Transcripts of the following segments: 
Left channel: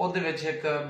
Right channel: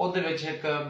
ਉਹਦੇ ਵਿੱਚ ਇੱਕ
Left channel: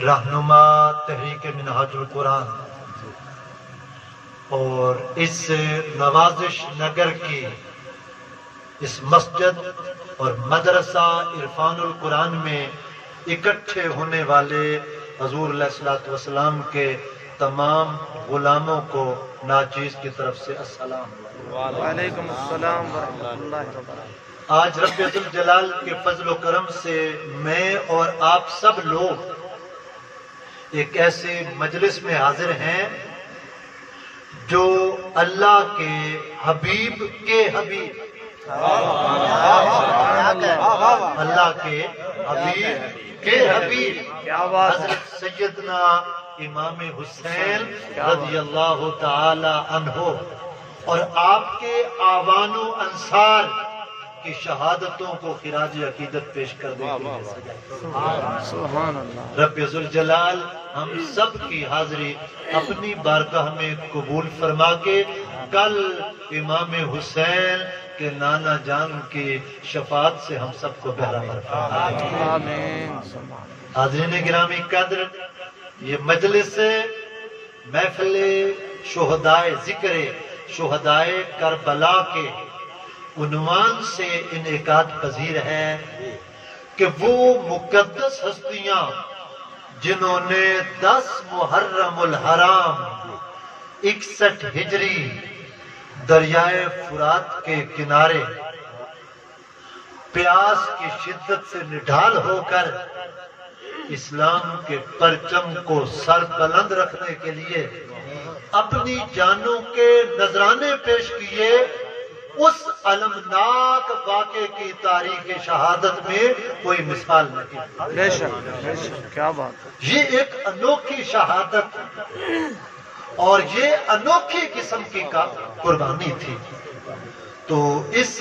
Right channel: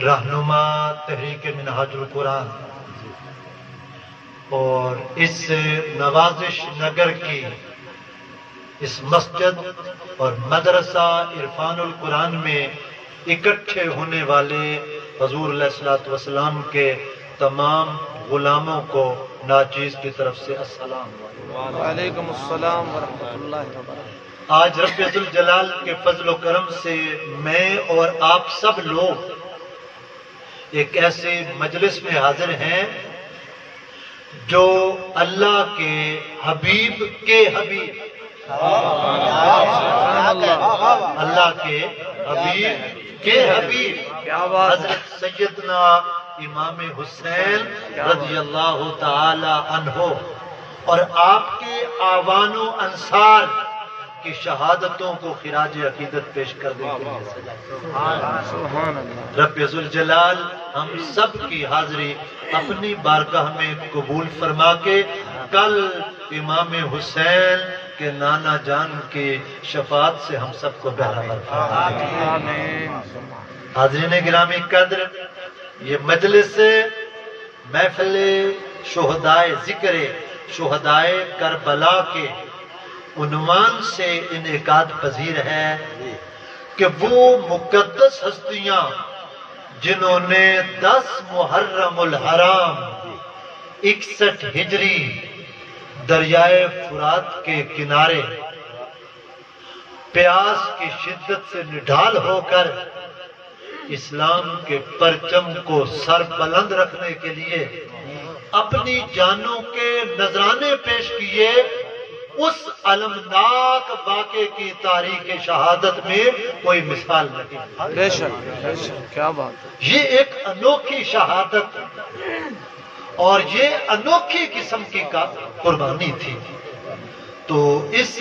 رہنما تحریک منہاج القرآن اور اس نوازش نگر کی اس مسجد اور مدرسہ عرفان القرآن میں اکٹھے ہونے والے حضور علیہ الصلوۃ والسلام کے تمام غلاموں کو ناچیز کی طرف سے السلام علیکم۔ وعلیکم السلام ورحمۃ اللہ وبرکاتہ۔ آج رب ذوالجلال کے فضل و کرم سے میں اور آپ سب لوگ ایک ایسے مجلس میں حاضر ہیں جو اللہ کے حبیب کے حبیب، اللہ کے حبیب کے حبیب کیا بات ہے، حضرت سیدنا امام حسین رضی اللہ تعالی عنہ اور آپ کے آوان و انصار کی شہادتوں کو خراج عقیدت پیش کرنے کے لیے سجائے۔ سبحان اللہ۔ رب ذوالجلال ہم سب کی حاضری اپنی بارگاہ میں قبول فرما کے کل امام حسین کے نانا جان کی شفاعت سے ہم سب کو بہرامد فرمائے۔ آمین۔ حاضرین گرامی قدر، یہ مجلس محفل شہدائے ذکر شہدائے کربلا کے عنوان سے انعقاد پذیر ہے کہ وہ مقدس ہستیاں جنہوں نے 10 محرم الحرام 61 ہجری دریائے فرات کے کنارے پیاس کی شدت سے نڈھال ہو کر اسلام کے پرچم کو سر بلند رکھنے کے لیے اپنی جانوں کے نذرانے پیش کیے، اس المناک واقعے کی تاریخ شہادت میں کوئی مثال نہیں۔ بے شک بے شک، کیا بات ہے۔ یہ ایک انوکھی شہادت اور یہ انوکھی قسم کی قربانی تھی۔ تو اس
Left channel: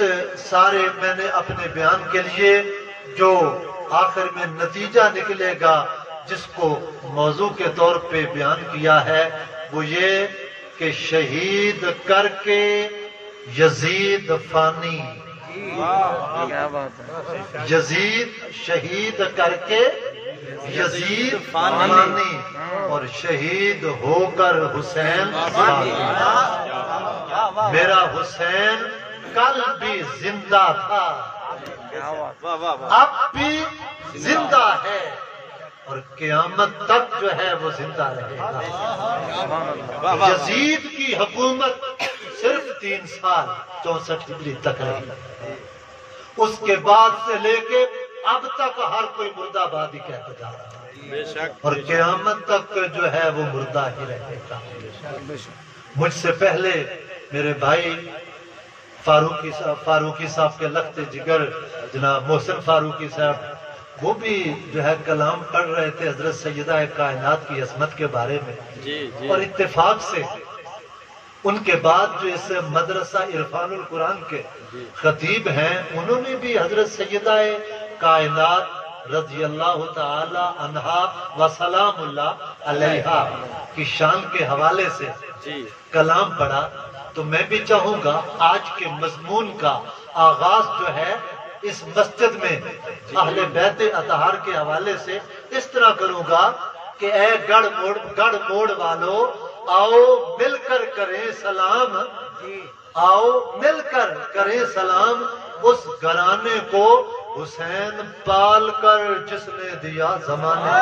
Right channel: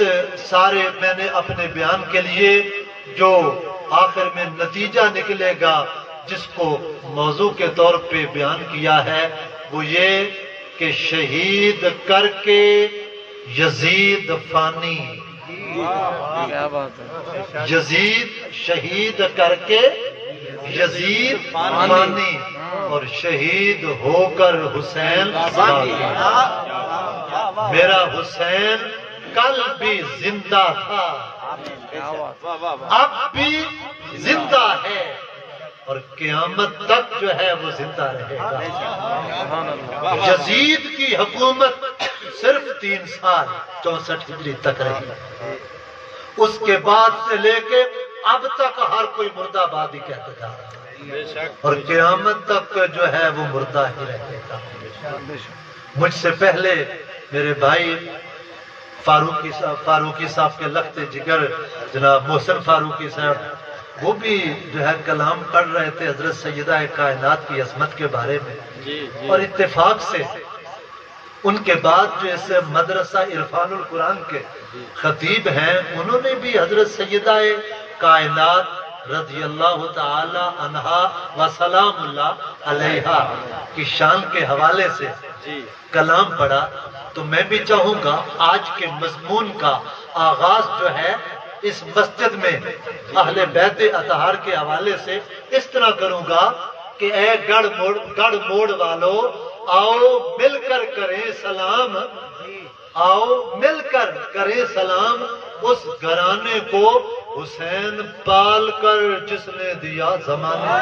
سارے میں نے اپنے بیان کے لیے جو آخر میں نتیجہ نکلے گا جس کو موضوع کے طور پہ بیان کیا ہے وہ یہ کہ شہید کر کے یزید فانی، کیا بات ہے، یزید شہید کر کے یزید فانی اور شہید ہو کر حسین باقی۔ میرا حسین کل بھی زندہ تھا، کیا بات ہے، اب بھی زندہ ہے اور قیامت تک جو ہے وہ زندہ رہے گا۔ سبحان اللہ۔ یزید کی حکومت صرف 3 سال 64 ہجری تک رہی، اس کے بعد سے لے کے اب تک ہر کوئی مردہ آباد ہی کہتا جا رہا ہے اور قیامت تک جو ہے وہ مردہ ہی رہے گا۔ مجھ سے پہلے میرے بھائی فاروقی صاحب کے لخت جگر جناب محسن فاروقی صاحب، وہ بھی جو ہے کلام پڑھ رہے تھے حضرت سیدہ کائنات کی عظمت کے بارے میں، اور اتفاق سے ان کے بعد جو اس مدرسہ عرفان القرآن کے خطیب ہیں انہوں نے بھی حضرت سیدہ کائنات رضی اللہ تعالی عنہا و سلام اللہ علیہا کی شان کے حوالے سے کلام پڑھا۔ تو میں بھی چاہوں گا آج کے مضمون کا آغاز جو ہے اس مسجد میں اہل بیت اطہار کے حوالے سے اس طرح کروں گا کہ اے گڑھ موڑ والو آؤ مل کر کریں سلام، آؤ مل کر کریں سلام اس گھرانے کو حسین پال کر جس نے دیا زمانے،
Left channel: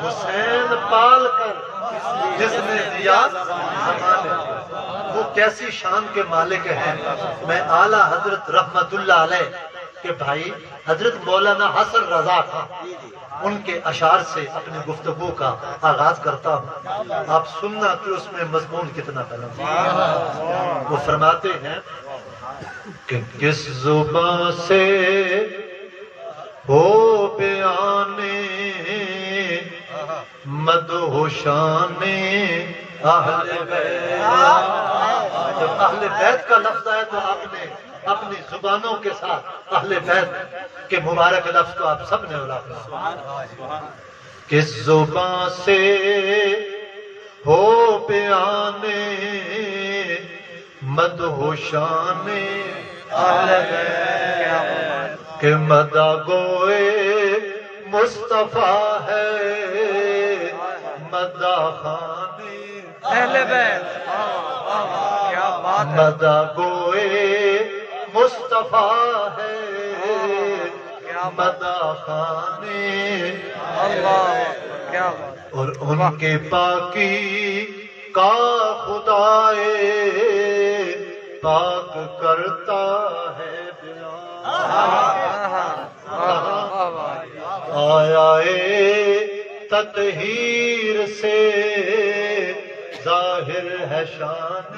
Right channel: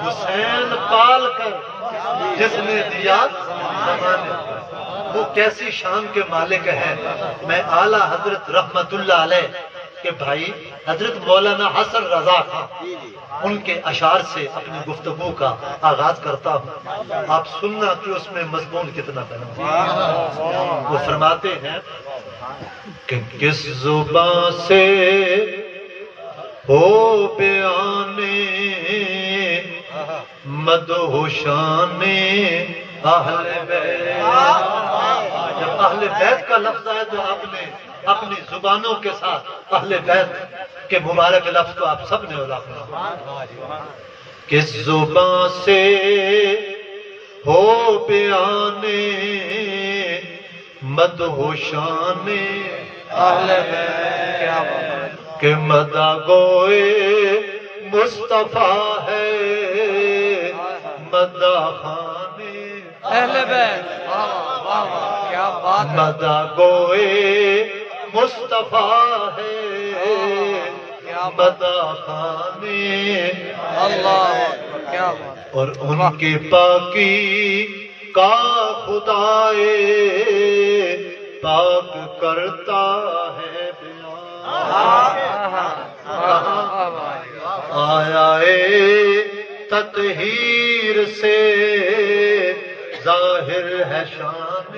حسین پال کر جس نے دیا زمانے۔ وہ کیسی شان کے مالک ہیں۔ میں اعلیٰ حضرت رحمت اللہ علیہ کے بھائی حضرت مولانا حسن رضا تھا، ان کے اشعار سے اپنی گفتگو کا آغاز کرتا ہوں، آپ سننا کہ اس میں مضمون کتنا بنا۔ وہ فرماتے ہیں کہ کس زبان سے ہو بیانے مدہوشان اہل بیت۔ جب اہل بیت کا لفظ ہے تو آپ نے اپنی زبانوں کے ساتھ اہل بیت کے مبارک لفظ تو آپ سب نے اڑا۔ کس زبان سے ہو بیانے مدہوشان اہل بیت، کیا بات ہے۔ کہ مدہ گوئے مصطفیٰ ہے مدہ خانے اہل بیت، واہ واہ واہ واہ، کیا بات ہے، مدہ گوئے مصطفیٰ ہے مدہ خانے اللہ اکبر، کیا بات، اور ان کے پاکی کا خدائے پاک کرتا ہے آیا تطہیر سے ظاہر ہے شان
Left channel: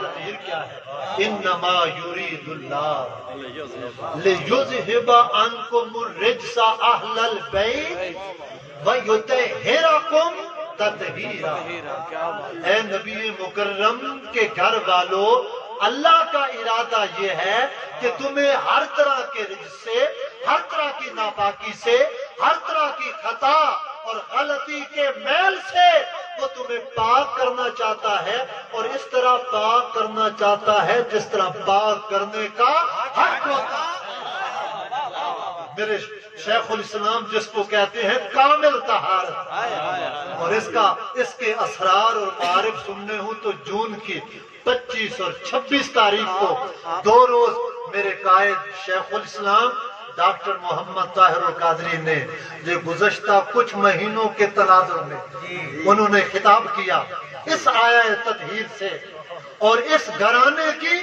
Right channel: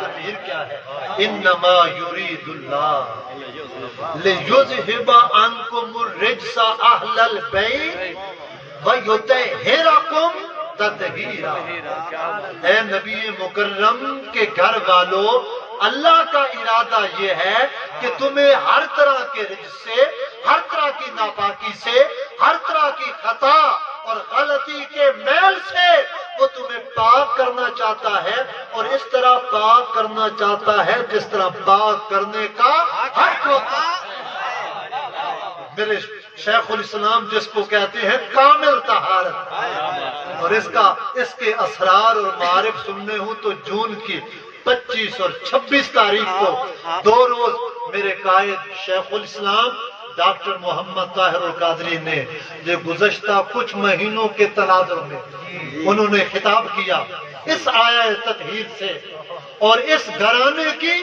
تطہیر کیا ہے انما یرید اللہ لیذہب عنکم الرجس اہل البیت ویطہرکم تطہیرا۔ اے نبی مکرم کے گھر والوں، اللہ کا ارادہ یہ ہے کہ تمہیں ہر طرح کے رجس سے، ہر طرح کی ناپاکی سے، ہر طرح کی خطا اور غلطی کے میل سے وہ تمہیں پاک کرنا چاہتا ہے، اور اس طرح پاک کرنا چاہتا ہے جس طرح پاک کرنے کا حق ہوتا ہے۔ میرے شیخ الاسلام جس کو کہتے ہیں کامل طہارت، اور اس کے اسرار اور معارف سننے ہوں تو جون کی 25 اور 26 تاریخ کو 2 روز میرے قائد شیخ الاسلام ڈاکٹر محمد طاہر القادری نے جو گزشتہ کچھ مہینوں کے تناظر میں انہوں نے خطاب کیا اس آیا تطہیر سے اور اس گھرانے کی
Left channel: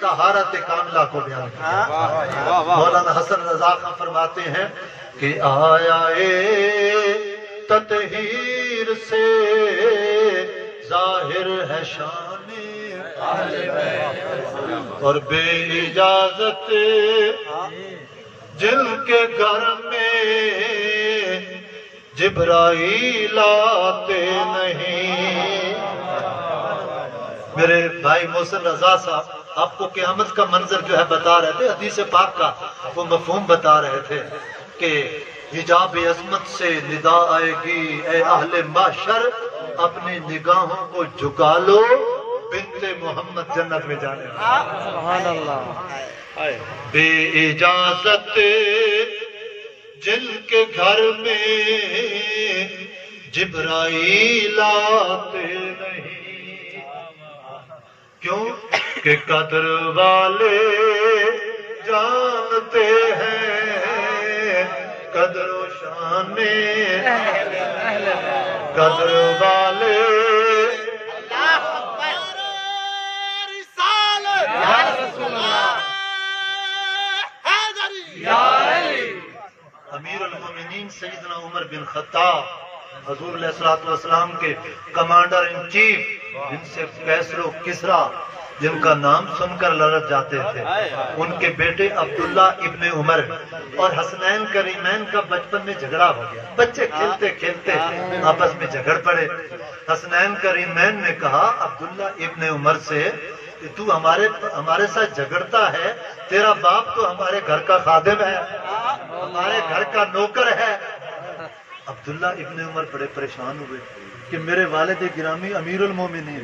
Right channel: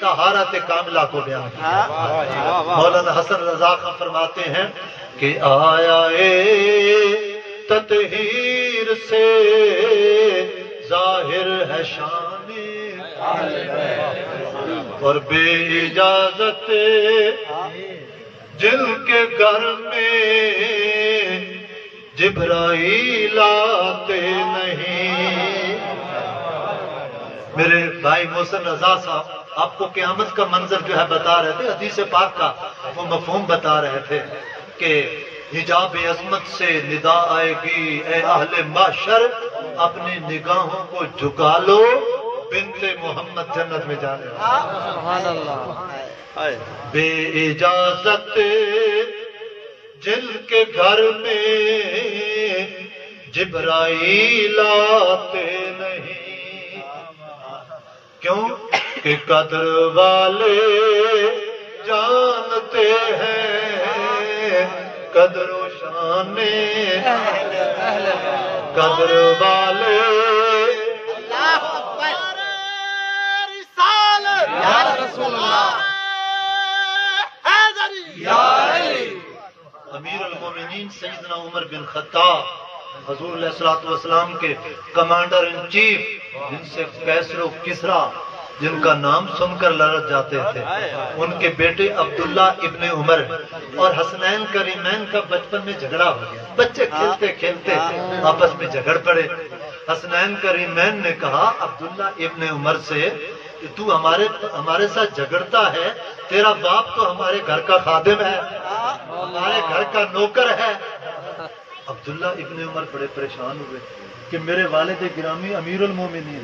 طہارت کاملہ کو بیان کیا۔ مولانا حسن رضا خان فرماتے ہیں کہ آیا تطہیر سے ظاہر ہے شان اور بے اجازت جن کے گھر میں جبرائیل آتے نہیں۔ میرے بھائی محسن رضا صاحب آپ کو قیامت کا منظر جو ہے بتا رہے تھے، حدیث پاک کا وہ مفہوم بتا رہے تھے کہ حجاب عظمت سے ندا آئے گی، اے اہل محشر اپنی نگاہوں کو جھکا لو، بنت محمد جنت میں جانے والا۔ سبحان اللہ۔ بے اجازت جن کے گھر میں جبرائیل آتے نہیں، کیوں کہ قدر والے جانتے ہیں قدر و شان قدر والے یا رسول اللہ، یا علی۔ امیر المومنین سیدنا عمر بن خطاب حضور علیہ الصلوۃ والسلام کے کمانڈر ان چیف، جن سے کیسر و کسرا جن کا نام سن کر لرز جاتے تھے، ان کے بیٹے عبداللہ ابن عمر اور حسنین کریمین کا بچپن میں جھگڑا ہو گیا۔ بچے کھیلتے کھیلتے آپس میں جھگڑ پڑے۔ حسنین کریمین نے کہا عبداللہ ابن عمر سے کہ تو ہمارے ساتھ جھگڑتا ہے، تیرا باپ تو ہمارے گھر کا خادم ہے، ہمارے گھر کا نوکر ہے۔ عبداللہ ابن عمر بڑے پریشان ہوئے کہ میرے والد گرامی امیر المومنین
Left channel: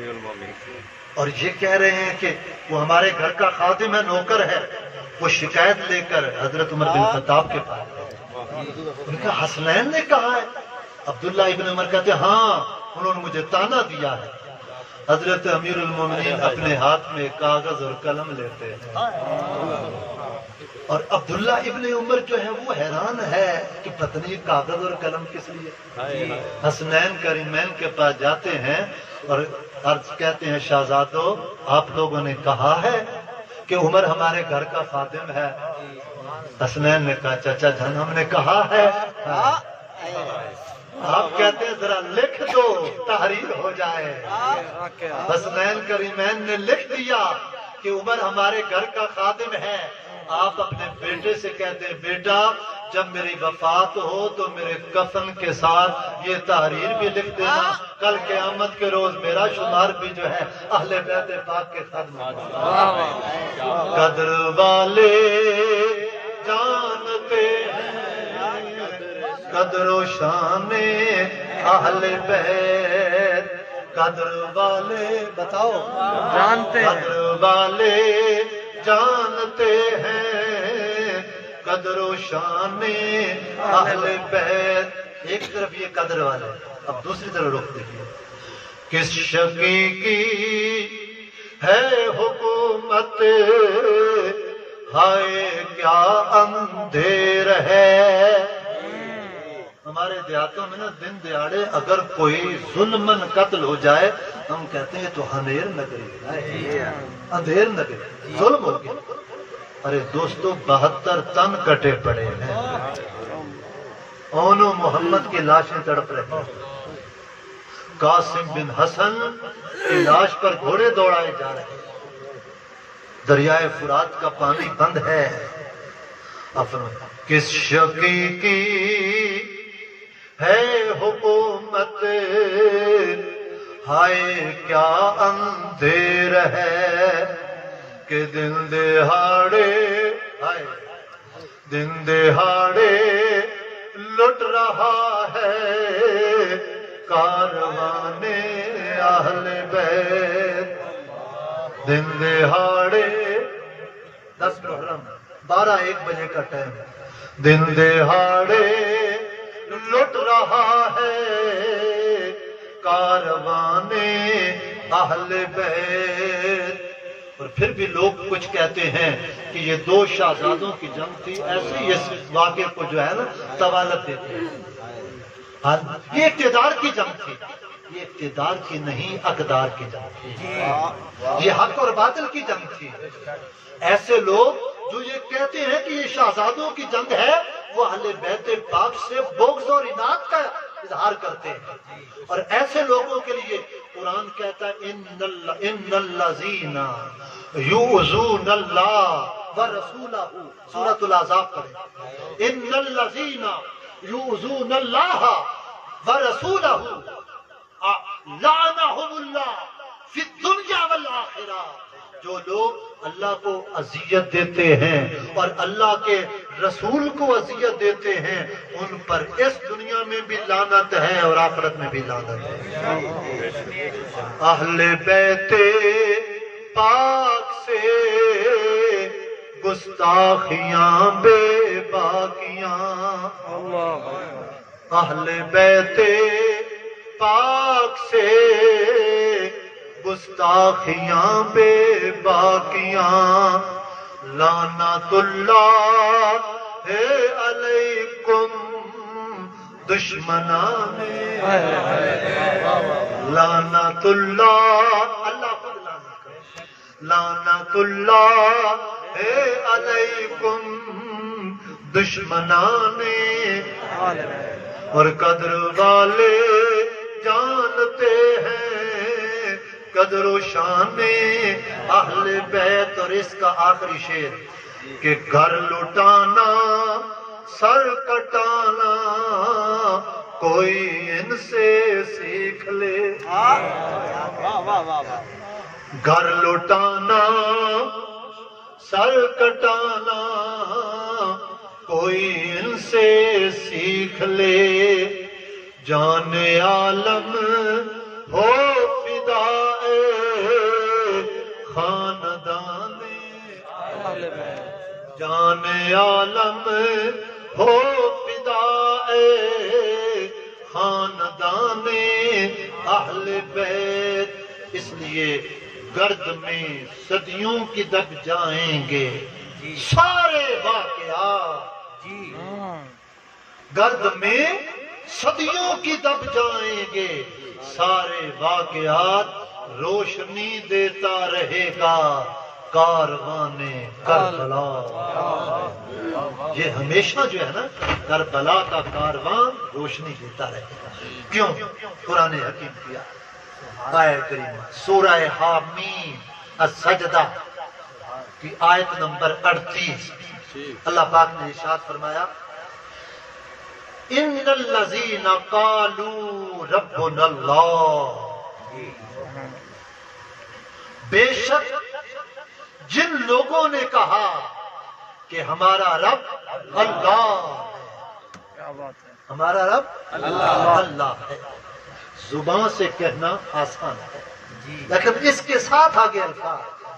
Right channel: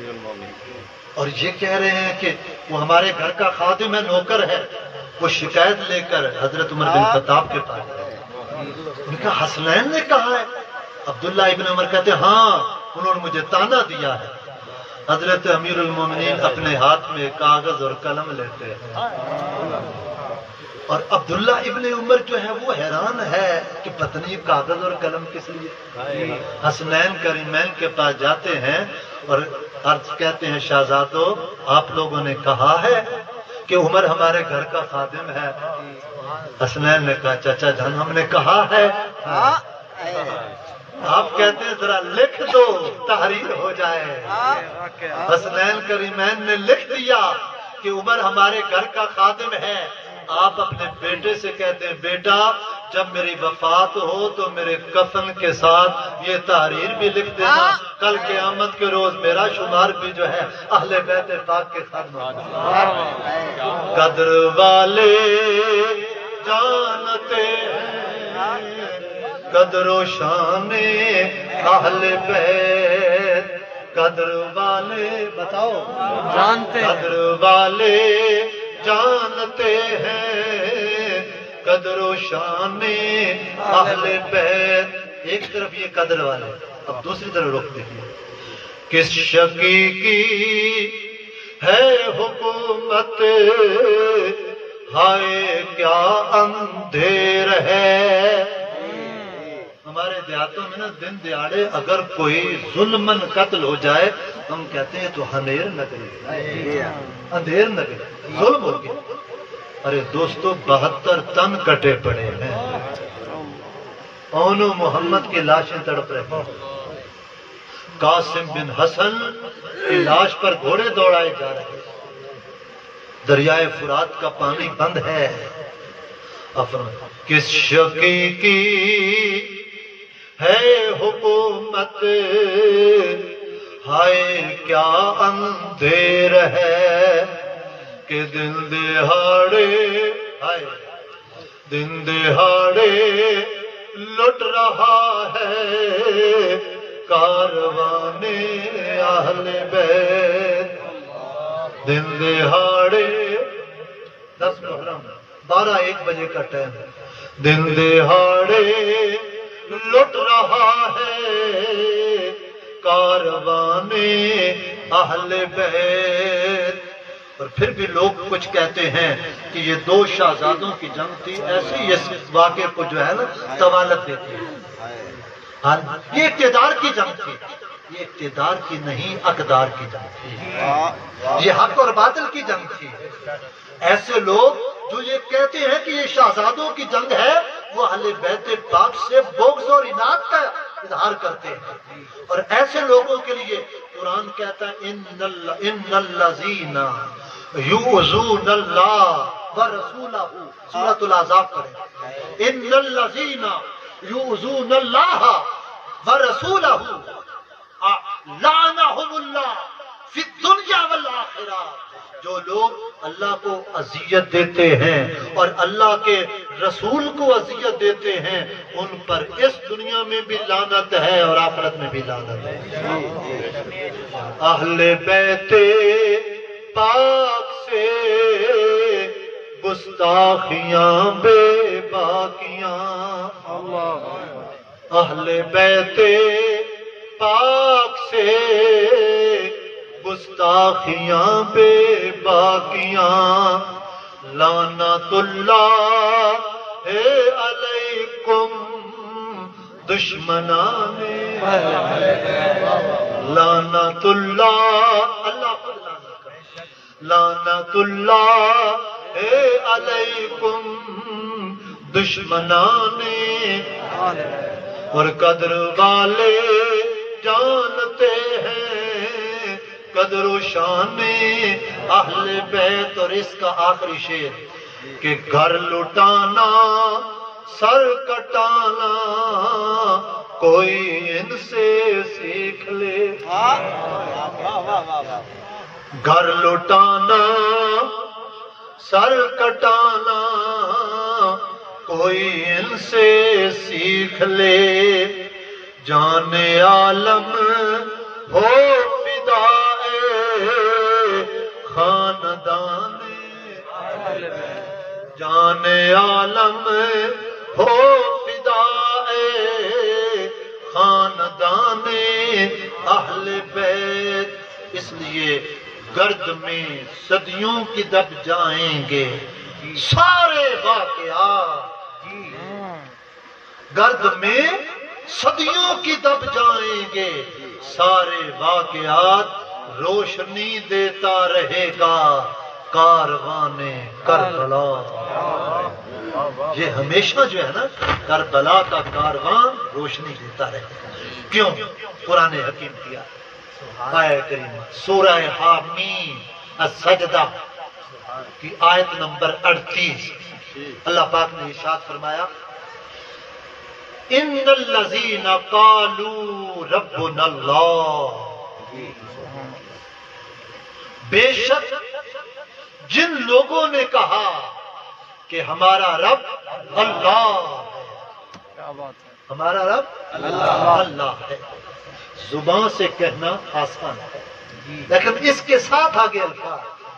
اور یہ کہہ رہے ہیں کہ وہ ہمارے گھر کا خادم ہے، نوکر ہے۔ وہ شکایت لے کر حضرت عمر بن خطاب کے پاس ان کا حسنین نے کہا ہے۔ عبداللہ ابن عمر کہتے ہیں ہاں، انہوں نے مجھے تانا دیا ہے۔ حضرت امیر المومنین اپنے ہاتھ میں کاغذ اور قلم لیتے ہیں، اور عبداللہ ابن عمر جو ہے وہ حیران ہے کہ پتہ نہیں کاغذ اور قلم کس لیے۔ حسنین کریمین کے پاس جاتے ہیں اور عرض کہتے ہیں شہزادو آپ لوگوں نے کہا ہے کہ عمر ہمارے گھر کا خادم ہے۔ حسنین نے کہا چچا جان ہم نے کہا ہے، آپ کہتے ہیں ذرا لکھ دو تحریر ہو جائے۔ حسنین کریمین نے لکھ دیا کہ عمر ہمارے گھر کا خادم ہے۔ آپ اپنے بیٹے سے کہتے ہیں بیٹا جب میری وفات ہو تو میرے کفن کے ساتھ یہ تحریر بھی لکھ دینا، کل قیامت کے روز میرا شمار بھی جو ہے اہل بیت پاک کے خادم۔ قدر والے جانتے ہیں قدر و شان اہل بیت، قدر والے بتاؤ جانتے ہیں، قدر والے جانتے ہیں قدر و شان اہل بیت. ایک طرف یہ قدر والے، اب دوسری طرف رخ دیکھیے. کس شقی کی ہے حکومت، ہائے کیا اندھیر ہے. ہمارے دیہاتوں میں نا دن دیہاڑے اگر کوئی ظلمن قتل ہو جائے ہم کہتے ہیں تو اندھیر نگری، اندھیر نگری، ظلم ہو گیا. ارے دوستو 72 تن کٹے پڑے ہیں، اونو محمد کی لاشیں تڑپ رہی ہیں. قاسم بن حسن کی لاش پر گھوڑے دوڑائے جا رہے ہیں. دریائے فرات کا پانی بند ہے. کس شقی کی ہے حکومت، ہائے کیا اندھیر ہے کہ دن دہاڑے، ہائے دن دہاڑے لٹ رہا ہے کاروان اہل بیت. دن دہاڑے 10 محرم 12-1 بجے کا ٹائم. دن دہاڑے لٹ رہا ہے کاروان اہل بیت. اور پھر بھی لوگ کچھ کہتے ہیں کہ یہ 2 شہزادوں کی جنگ تھی، ایسی اس واقعے کو جو ہے نا طوالت دیتے ہیں. یہ اقتدار کی جنگ تھی، یہ اقتدار کی نہیں اقدار کی جنگ تھی. یہ حق اور باطل کی جنگ تھی. ایسے لوگ جو یہ کہتے ہیں کہ یہ شہزادوں کی جنگ ہے وہ اہل بیت پاک سے بغض اور عناد کا اظہار کرتے ہیں. اور ایسے لوگوں کے لیے قرآن کہتا ہے ان الذین یؤذون اللہ ورسولہ. سورۃ الاحزاب پڑھیں. ان الذین یؤذون اللہ ورسولہ لعنہم اللہ فی الدنیا والآخرہ. جو لوگ اللہ کو اذیت دیتے ہیں اور اللہ کے رسول کو اذیت دیتے ہیں ان پر اس دنیا میں بھی لعنت ہے اور آخرت میں بھی لعنت ہے. اہل بیت پاک سے گستاخیاں بے باقیاں. اہل بیت پاک سے گستاخیاں بے باقیاں. لعنت اللہ علیکم دشمنان. لعنت اللہ، اللہ خود لعنت کرے. لعنت اللہ علیکم دشمنان. اور قدر والے جانتے ہیں قدر و شان اہل بیت. اور اس کا آخری شعر کہ گھر لٹانا سر کٹانا کوئی ان سے سیکھ لے. گھر لٹانا سر کٹانا کوئی ان سے سیکھ لے. جان عالم ہو فدائے خاندان. جان عالم ہو فدائے خاندان اہل بیت. اس لیے گرد میں صدیوں کی دب جائیں گے سارے واقعات. گرد میں صدیوں کی دب جائیں گے سارے واقعات. روشنی دیتا رہے گا کاروان کربلا. یہ ہمیشہ جو ہے نا کربلا کا کاروان روشنی دیتا رہے گا. کیوں؟ قرآن حکیم کیا آیت کریمہ سورہ حامیم السجدہ کی آیت نمبر 38. اللہ پاک نے ارشاد فرمایا ان الذین قالوا ربنا اللہ. بے شک جن لوگوں نے کہا کہ ہمارا رب اللہ، ہمارا رب اللہ ہے. زبان سے کہنا آسان ہے لیکن اس کے ساتھ آگے الفاظ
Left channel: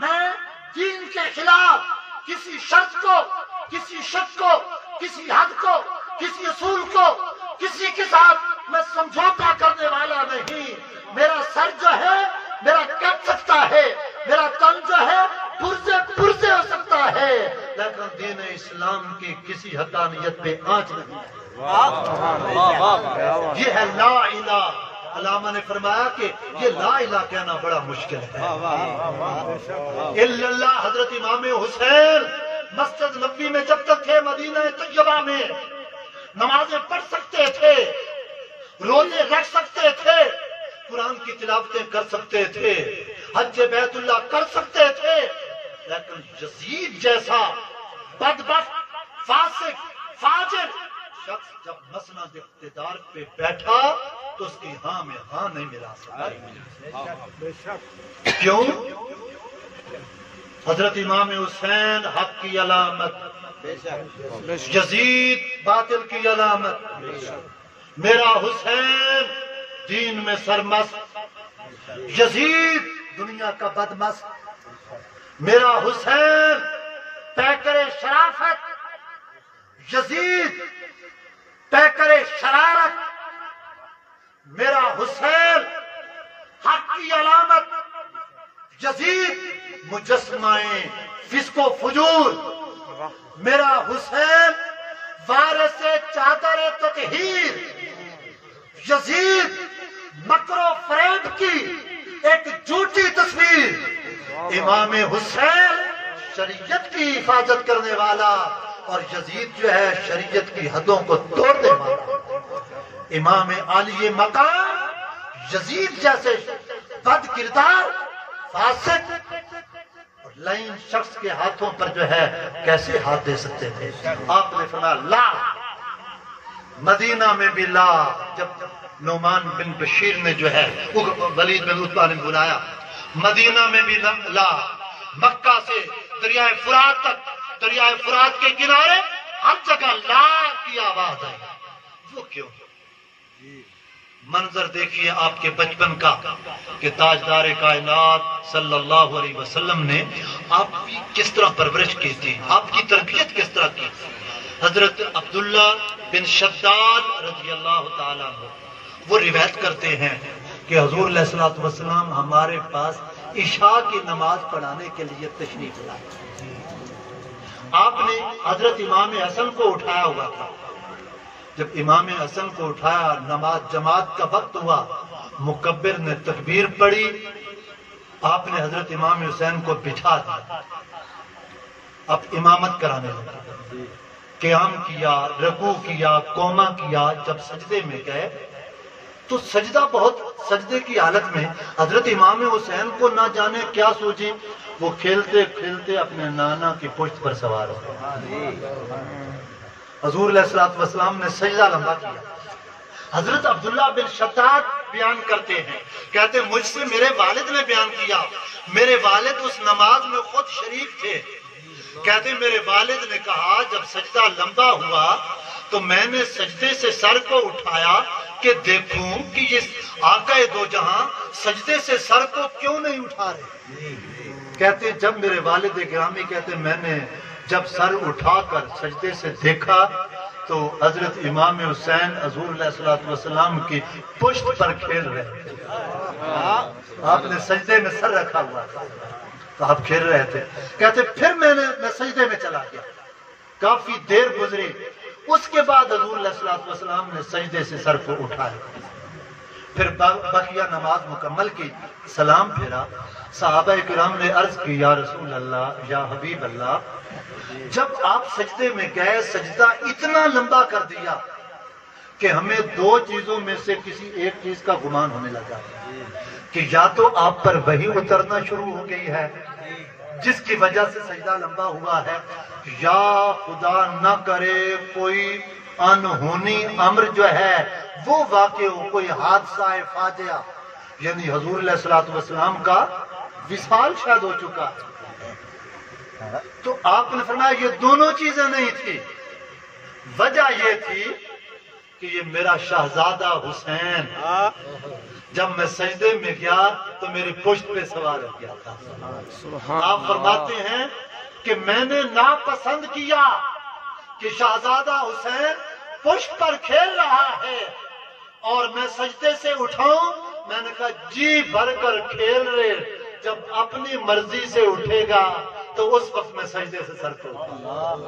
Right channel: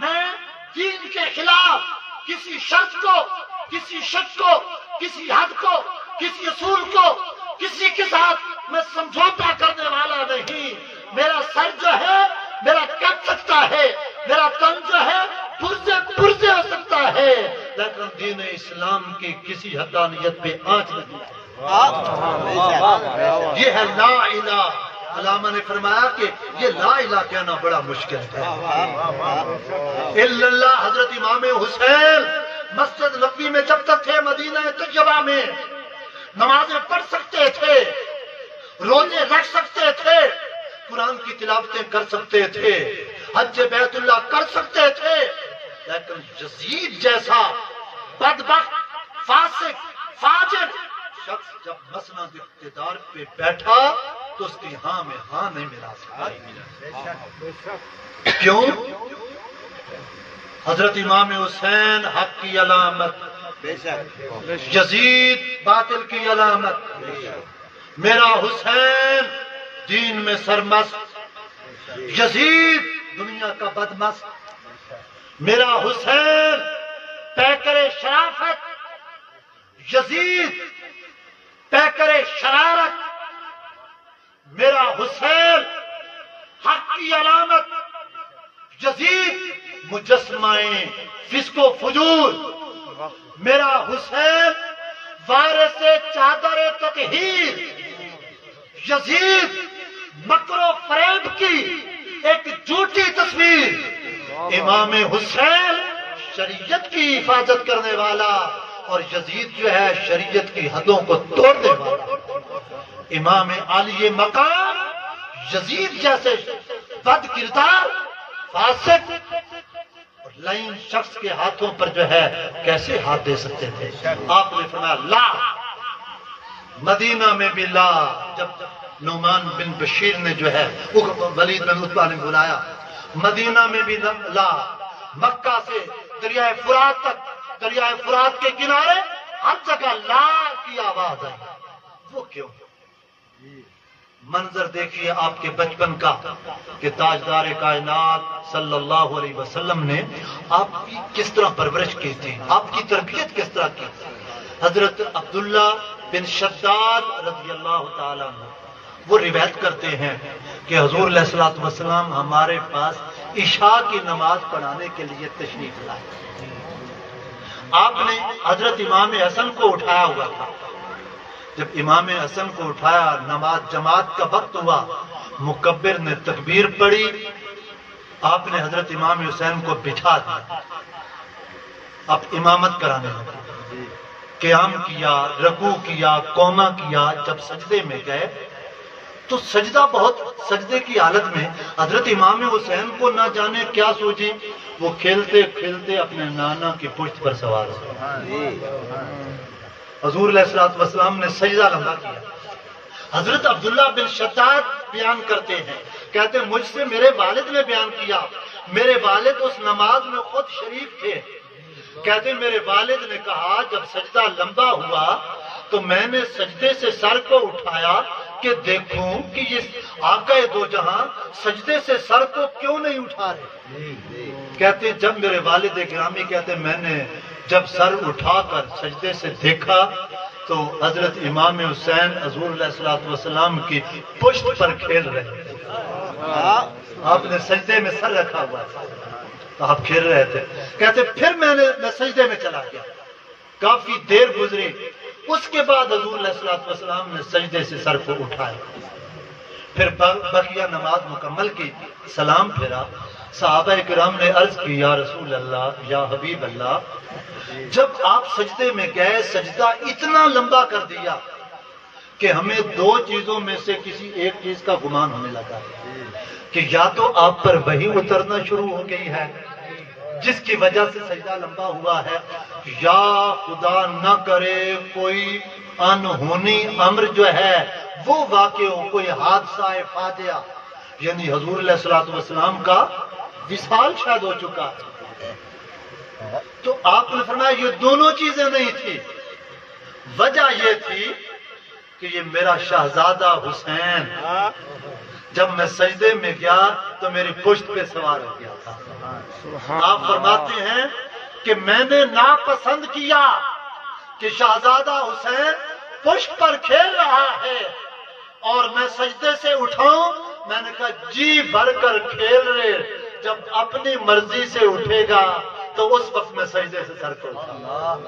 میں دین کے خلاف کسی شرط کو، کسی شک کو، کسی حد کو، کسی اصول کو، کسی کے ساتھ میں سمجھوتا کرنے والا نہیں۔ میرا سر جو ہے میرا کٹ سکتا ہے، میرا تن جو ہے پرزے ہو سکتا ہے، لیکن دین اسلام کی کسی حقانیت پہ آنچ نہیں ہے۔ یہ ہے لا الہ۔ علامہ نے فرمایا کہ یہ لا الہ کہنا بڑا مشکل ہے۔ الا اللہ۔ حضرت امام حسین مسجد نبوی میں جب تک تھے مدینہ طیبہ میں نمازیں پڑھ سکتے تھے، روزے رکھ سکتے تھے، قرآن کی تلاوتیں کر سکتے تھے، حج بیت اللہ کر سکتے تھے، لیکن یزید جیسا بدبخت، فاسق، فاجر شخص جب مسند اقتدار پہ بیٹھا تو اس کی ہاں میں ہاں نہیں ملا سکتا۔ کیوں؟ حضرت امام حسین حق کی علامت، یزید باطل کی علامت۔ میرا حسین دین میں سرمست، یزید دنیا کا بدمست۔ میرا حسین پیکر شرافت، یزید پیکر شرارت۔ میرا حسین حق کی علامت، یزید مجسمہ فسق و فجور۔ میرا حسین وارث چادر تطہیر، یزید مکر و فریب کی ایک جھوٹی تصویر۔ امام حسین شریعت کی حفاظت کرنے والا اور یزید جو ہے شریعت کی حدوں کو توڑنے والا۔ امام عالی مقام یزید جیسے بد کردار، فاسق اور لعین شخص کے ہاتھوں پر جو ہے کیسے ہاتھ دے سکتے تھے؟ آپ نے فرمایا لا، مدینہ میں بھی لا۔ جب نعمان بن بشیر نے جو ہے ولید بن عتبہ نے بلایا، مدینہ میں بھی لا، مکہ سے دریائے فرات تک، دریائے فرات کے کنارے ہر جگہ لا کی آواز ہے۔ وہ کیوں؟ منظر دیکھیے آپ کے بچپن کا کہ تاجدار کائنات صلی اللہ علیہ وسلم نے آپ کی کس طرح پرورش کی تھی، آپ کی تربیت کس طرح کی۔ حضرت عبداللہ بن شداد رضی اللہ تعالیٰ عنہ وہ روایت کرتے ہیں کہ حضور علیہ الصلوۃ والسلام ہمارے پاس عشاء کی نماز پڑھانے کے لیے تشریف لائے۔ آپ نے حضرت امام حسن کو اٹھایا ہوا تھا۔ جب امام حسن کو اٹھایا، نماز جماعت کا وقت ہوا، مکبر نے تکبیر پڑھی، آپ نے حضرت امام حسین کو بٹھا دیا، اب امامت کرانے لگے، قیام کیا، رکوع کیا، قوما کیا۔ جب سجدے میں گئے تو سجدہ بہت، سجدے کی حالت میں حضرت امام حسین کو نہ جانے کیا سوچی، وہ کھیلتے کھیلتے اپنے نانا کی پشت پر سوار ہو گئے۔ حضور علیہ الصلوۃ والسلام نے سجدہ لمبا کیا۔ حضرت عبداللہ بن شداد بیان کرتے ہیں، کہتے ہیں مجھ سے میرے والد نے بیان کیا، میرے والد اس نماز میں خود شریک تھے۔ کہتے ہیں میرے والد نے کہا جب سجدہ لمبا ہوا تو میں نے سجدے سے سر کو اٹھایا کہ دیکھوں کہ یہ آقا دو جہاں سجدے سے سر کو کیوں نہیں اٹھا رہے۔ کہتے ہیں جب میرے والد گرامی کہتے ہیں میں نے جب سر اٹھا کر سجدے سے دیکھا تو حضرت امام حسین حضور علیہ الصلوۃ والسلام کی پشت پر کھیل رہے تھے۔ آپ نے سجدے میں سر رکھا ہوا تھا تو آپ کھیل رہے تھے۔ کہتے پھر میں سجدے میں چلا گیا، کافی دیر گزری، اس کے بعد حضور علیہ الصلوۃ والسلام نے سجدے سے سر کو اٹھایا، پھر بقیہ نماز مکمل کی، سلام پھیرا۔ صحابہ کرام نے عرض کی یا رسول اللہ، یا حبیب اللہ، جب آپ سجدے میں گئے سجدہ اتنا لمبا کر دیا کہ ہمیں دو چیزوں میں سے کسی ایک چیز کا گمان ہونے لگا کہ یا تو آپ پر وحی اترنا شروع ہو گئی ہے جس کی وجہ سے سجدہ لمبا ہوا ہے، یا خدا نہ کرے کوئی انہونی امر جو ہے وہ واقع ہو، کوئی حادثہ فاجعہ، یعنی حضور علیہ الصلوۃ والسلام کا وصال شاید ہو چکا۔ تو آپ نے فرمایا یہ دونوں چیزیں نہیں تھی، وجہ یہ تھی کہ یہ میرا شہزادہ حسین جب میں سجدے میں گیا تو میری پشت پہ سوار ہو گیا تھا۔ آپ فرماتے ہیں کہ میں نے ناپسند کیا کہ شہزادہ حسین پشت پر کھیل رہا ہے اور میں سجدے سے اٹھاؤں۔ میں نے کہا جی بھر کر کھیل رہے، جب اپنی مرضی سے اٹھے گا تو اس وقت میں سجدے سے سر کو اٹھا۔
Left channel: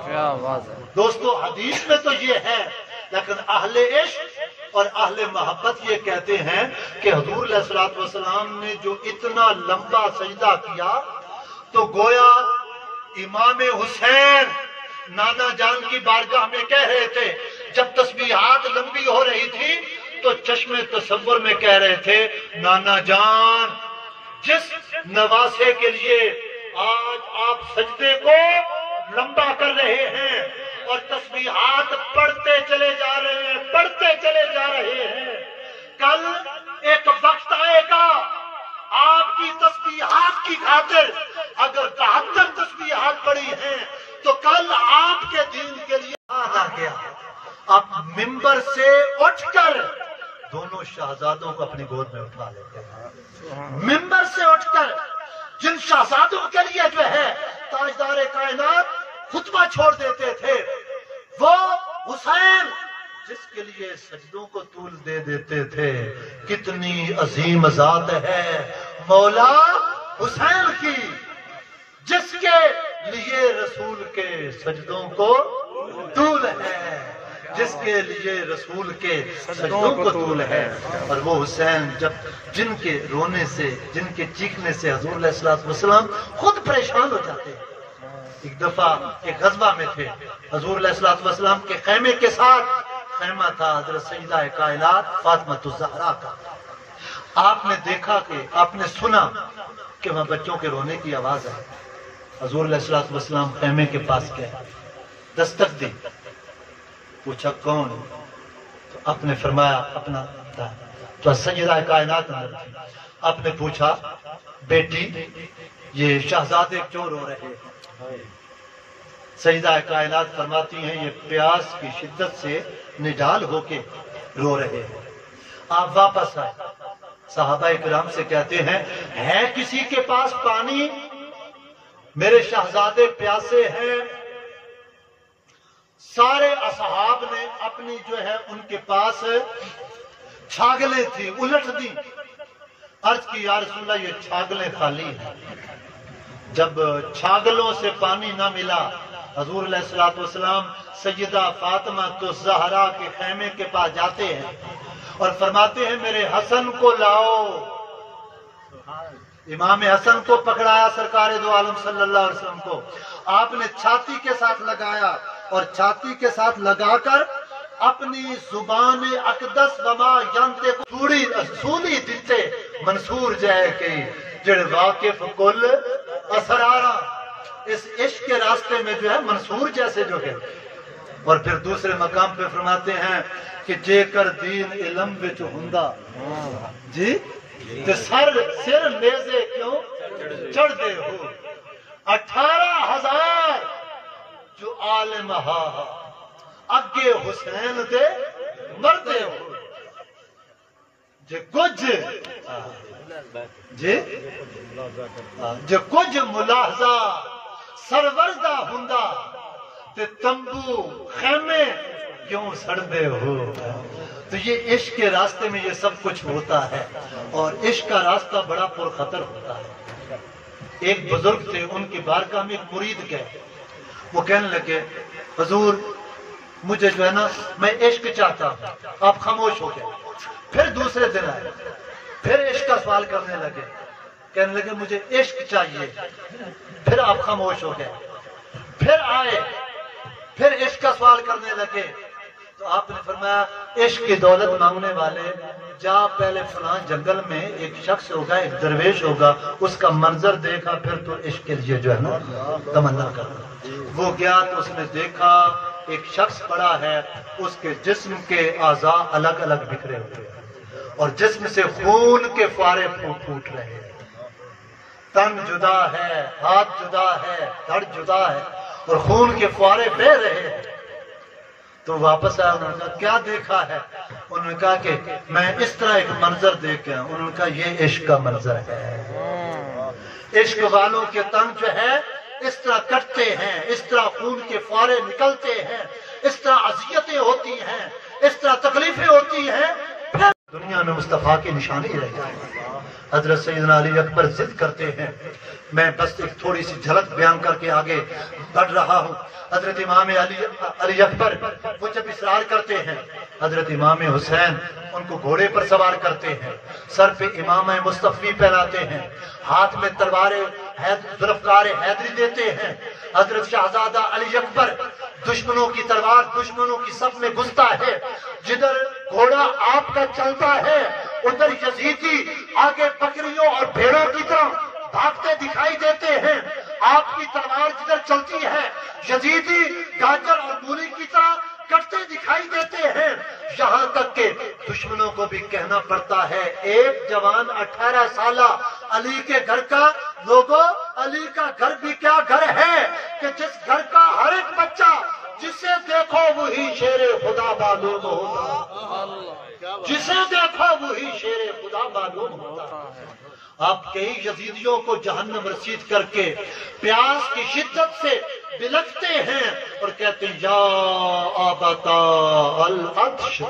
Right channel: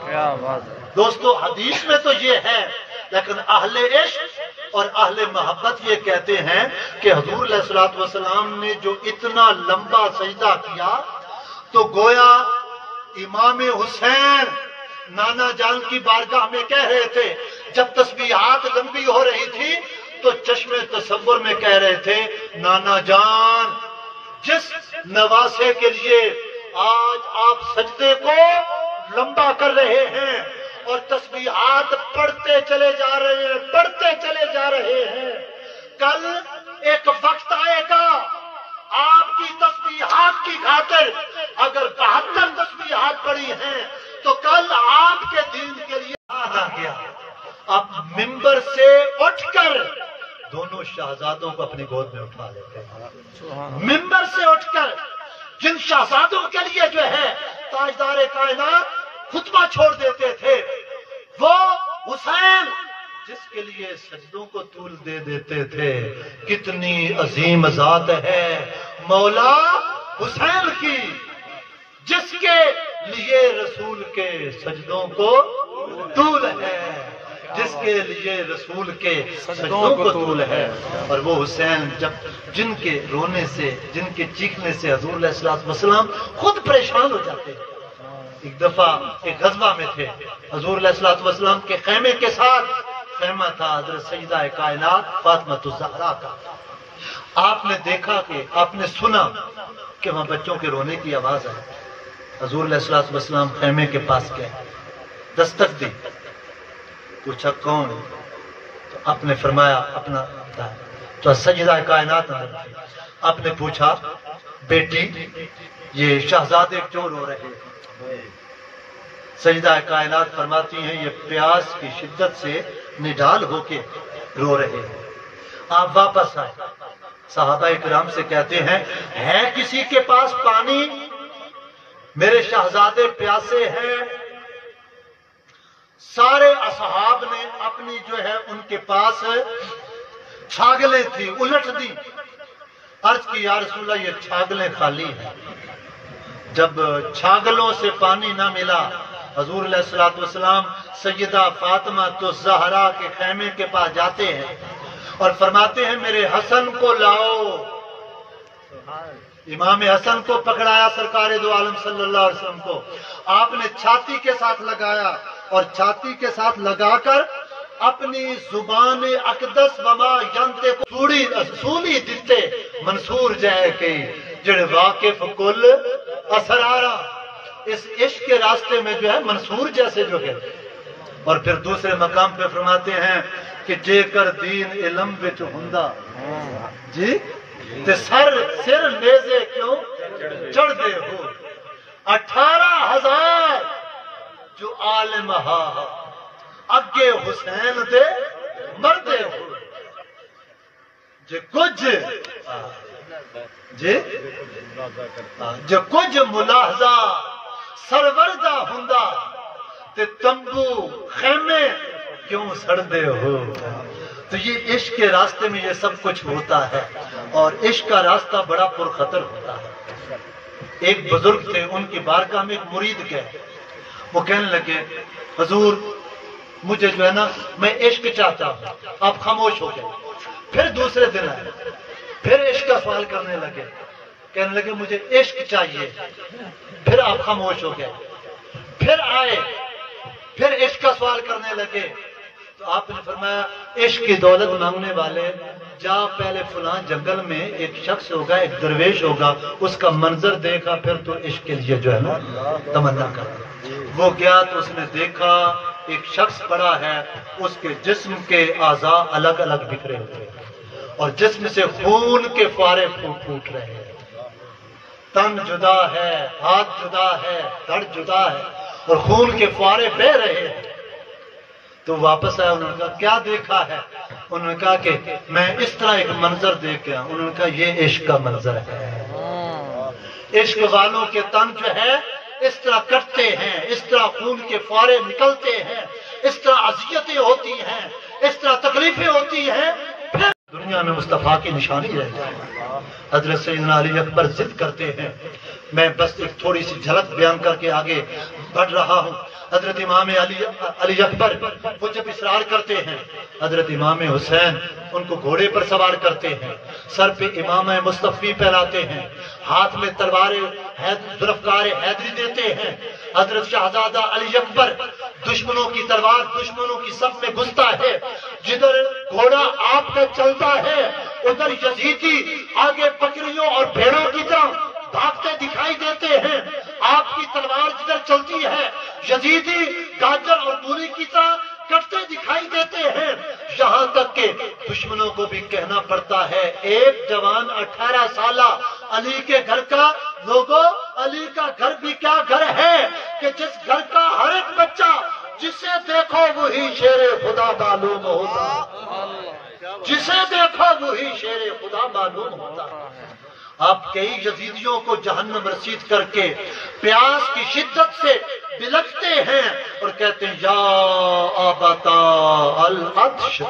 کیا بات ہے دوستو حدیث میں تو یہ ہے، لیکن اہل عشق اور اہل محبت یہ کہتے ہیں کہ حضور علیہ الصلوۃ والسلام نے جو اتنا لمبا سجدہ کیا تو گویا امام حسین نانا جان کی بارگاہ میں کہہ رہے تھے، جب تسبیحات لمبی ہو رہی تھی تو چشم تصور میں کہہ رہے تھے نانا جان جس نواسے کے لیے آج آپ سجدے کو لمبا کر رہے ہیں اور تسبیحات پڑھتے چلے جا رہے ہیں، کل ایک وقت آئے گا آپ کی تسبیحات کی خاطر اگر 72 تسبیحات پڑی ہیں تو کل آپ کے دین کے لیے آنا گیا۔ اب ممبر سے اٹھ کر دونوں شہزادوں کو اپنی گود میں اٹھا لیتے ہیں، ممبر سے اٹھ کر جن شہزادوں کے لیے جو ہے تاجدار کائنات خطبہ چھوڑ دیتے تھے، وہ حسین جس کے لیے سجدوں کو طول دے دیتے تھے، کتنی عظیم ذات ہے مولا حسین کی، جس کے لیے رسول کے سجدوں کو طول ہے، جس کے لیے رسول کے سجدوں کو طول ہے۔ اور وہ حسین جب جن کے رونے سے، جن کے چیخنے سے حضور علیہ الصلوۃ والسلام خود پریشان ہو جاتے ہیں۔ ایک دفعہ ایک غزوہ میں تھے، حضور علیہ الصلوۃ والسلام کے خیمے کے ساتھ خیمہ تھا حضرت سیدہ کائنات فاطمہ الزہرا کا۔ آپ نے دیکھا کہ آپ نے سنا کہ وہاں بچوں کے رونے کی آواز ہے۔ حضور علیہ الصلوۃ والسلام خیمے کے پاس گئے، دستک دی، پوچھا کون؟ تو آپ نے فرمایا اپنا تو سیدہ کائنات تھی۔ آپ نے پوچھا بیٹی یہ شہزادے کیوں رو رہے ہیں؟ سیدہ کائنات فرماتی ہیں یہ پیاس کی شدت سے نڈال ہو کے رو رہے ہیں۔ آپ واپس آئے، صحابہ کرام سے کہتے ہیں ہے کسی کے پاس پانی؟ میرے شہزادے پیاسے ہیں۔ سارے اصحاب نے اپنی جو ہے ان کے پاس چھاگلیں تھی الٹ دی، عرض کی یا رسول اللہ یہ چھاگلیں خالی ہیں۔ جب چھاگلوں سے پانی نہ ملا، حضور علیہ الصلوۃ والسلام سیدہ فاطمہ الزہرا کے خیمے کے پاس جاتے ہیں اور فرماتے ہیں میرے حسن کو لاؤ۔ امام حسن کو پکڑایا سرکار دو عالم صلی اللہ علیہ وسلم کو، آپ نے چھاتی کے ساتھ لگایا اور چھاتی کے ساتھ لگا کر اپنی زبان اقدس وما ینتے کو سولی دیتے منصور جائے کئی جڑے واقف کل اسرارا، اس عشق کے راستے میں جو ہے منصور جیسے جو ہے۔ اور پھر دوسرے مقام پہ فرماتے ہیں کہ جے کر دین علم وچ ہوندا جی تے سر نیزے کیوں چڑھ دے ہو، 18,000 جو عالم ہا اگے حسین دے مردے ہو، جے کچھ جو کچھ ملاحظہ سروردہ ہوندا تے تمبو خیمے کیوں سڑدے ہو۔ تو یہ عشق کے راستے میں یہ سب کچھ ہوتا ہے اور عشق کا راستہ بڑا پرخطر ہوتا ہے۔ ایک بزرگ تھے، ان کی بارگاہ میں ایک مرید گئے، وہ کہنے لگے حضور مجھے جو ہے نا میں عشق چاہتا ہوں۔ آپ خاموش ہو گئے۔ پھر دوسرے دن آئے، پھر عشق کا سوال کرنے لگے، کہنے لگے مجھے عشق چاہیے۔ پھر آپ خاموش ہو گئے، پھر آئے، پھر عشق کا سوال کرنے لگے تو آپ نے فرمایا عشق کی دولت مانگنے والے جا پہلے فلاں جنگل میں ایک شخص ہوگا، ایک درویش ہوگا، اس کا منظر دیکھا پھر تو عشق کے لیے جو ہے نا تمنا کر۔ وہ گیا تو اس نے دیکھا ایک شخص پڑا ہے، اس کے جسم کے اعضاء الگ الگ بکھرے ہوئے اور جسم سے خون کے فوارے پھوٹ رہے ہیں، تن جدا ہے، ہاتھ جدا ہے، دھڑ جدا ہے اور خون کے فوارے بہ رہے ہیں۔ تو واپس آیا، انہوں نے کہا کیا دیکھا ہے؟ انہوں نے کہا کہ میں اس طرح ایک منظر دیکھ گیا۔ انہوں نے کہا یہ عشق کا منظر ہے، عشق والوں کے تن جو ہے اس طرح کٹتے ہیں، اس طرح خون کے فوارے نکلتے ہیں، اس طرح اذیتیں ہوتی ہیں، اس طرح تکلیفیں ہوتی ہیں، پھر دنیا میں مصطفیٰ کی نشانی رہ جائے۔ حضرت سیدنا علی اکبر ضد کرتے ہیں، میں بس ایک تھوڑی سی جھلک بیان کر کے آگے بڑھ رہا ہوں۔ حضرت امام علی اکبر وہ جب اصرار کرتے ہیں، حضرت امام حسین ان کو گھوڑے پر سوار کرتے ہیں، سر پہ امامہ مصطفی پہناتے ہیں، ہاتھ میں تلوار ذوالفقار حیدری دیتے ہیں۔ حضرت شہزادہ علی اکبر دشمنوں کی تلوار دشمنوں کی صف میں گھستا ہے، جدھر گھوڑا آپ کا چلتا ہے ادھر یزیدی آگے بکریوں اور بھیڑوں کی طرح بھاگتے دکھائی دیتے ہیں۔ آپ کی تلوار جدھر چلتی ہے یزیدی گاجر اور مولی کی طرح کٹتے دکھائی دیتے ہیں، یہاں تک کہ دشمنوں کو بھی کہنا پڑتا ہے ایک جوان 18 سالہ علی کے گھر کا، لوگوں علی کا گھر بھی کیا گھر ہے کہ جس گھر کا ہر ایک بچہ جسے دیکھو وہی شیر خدا معلوم ہوتا، جسے دیکھو وہی شیر خدا معلوم ہوتا۔ آپ کئی یزیدیوں کو جہنم رسید کر کے پیاس کی شدت سے بلکتے ہیں اور کہتے ہیں یا آباتا العطش،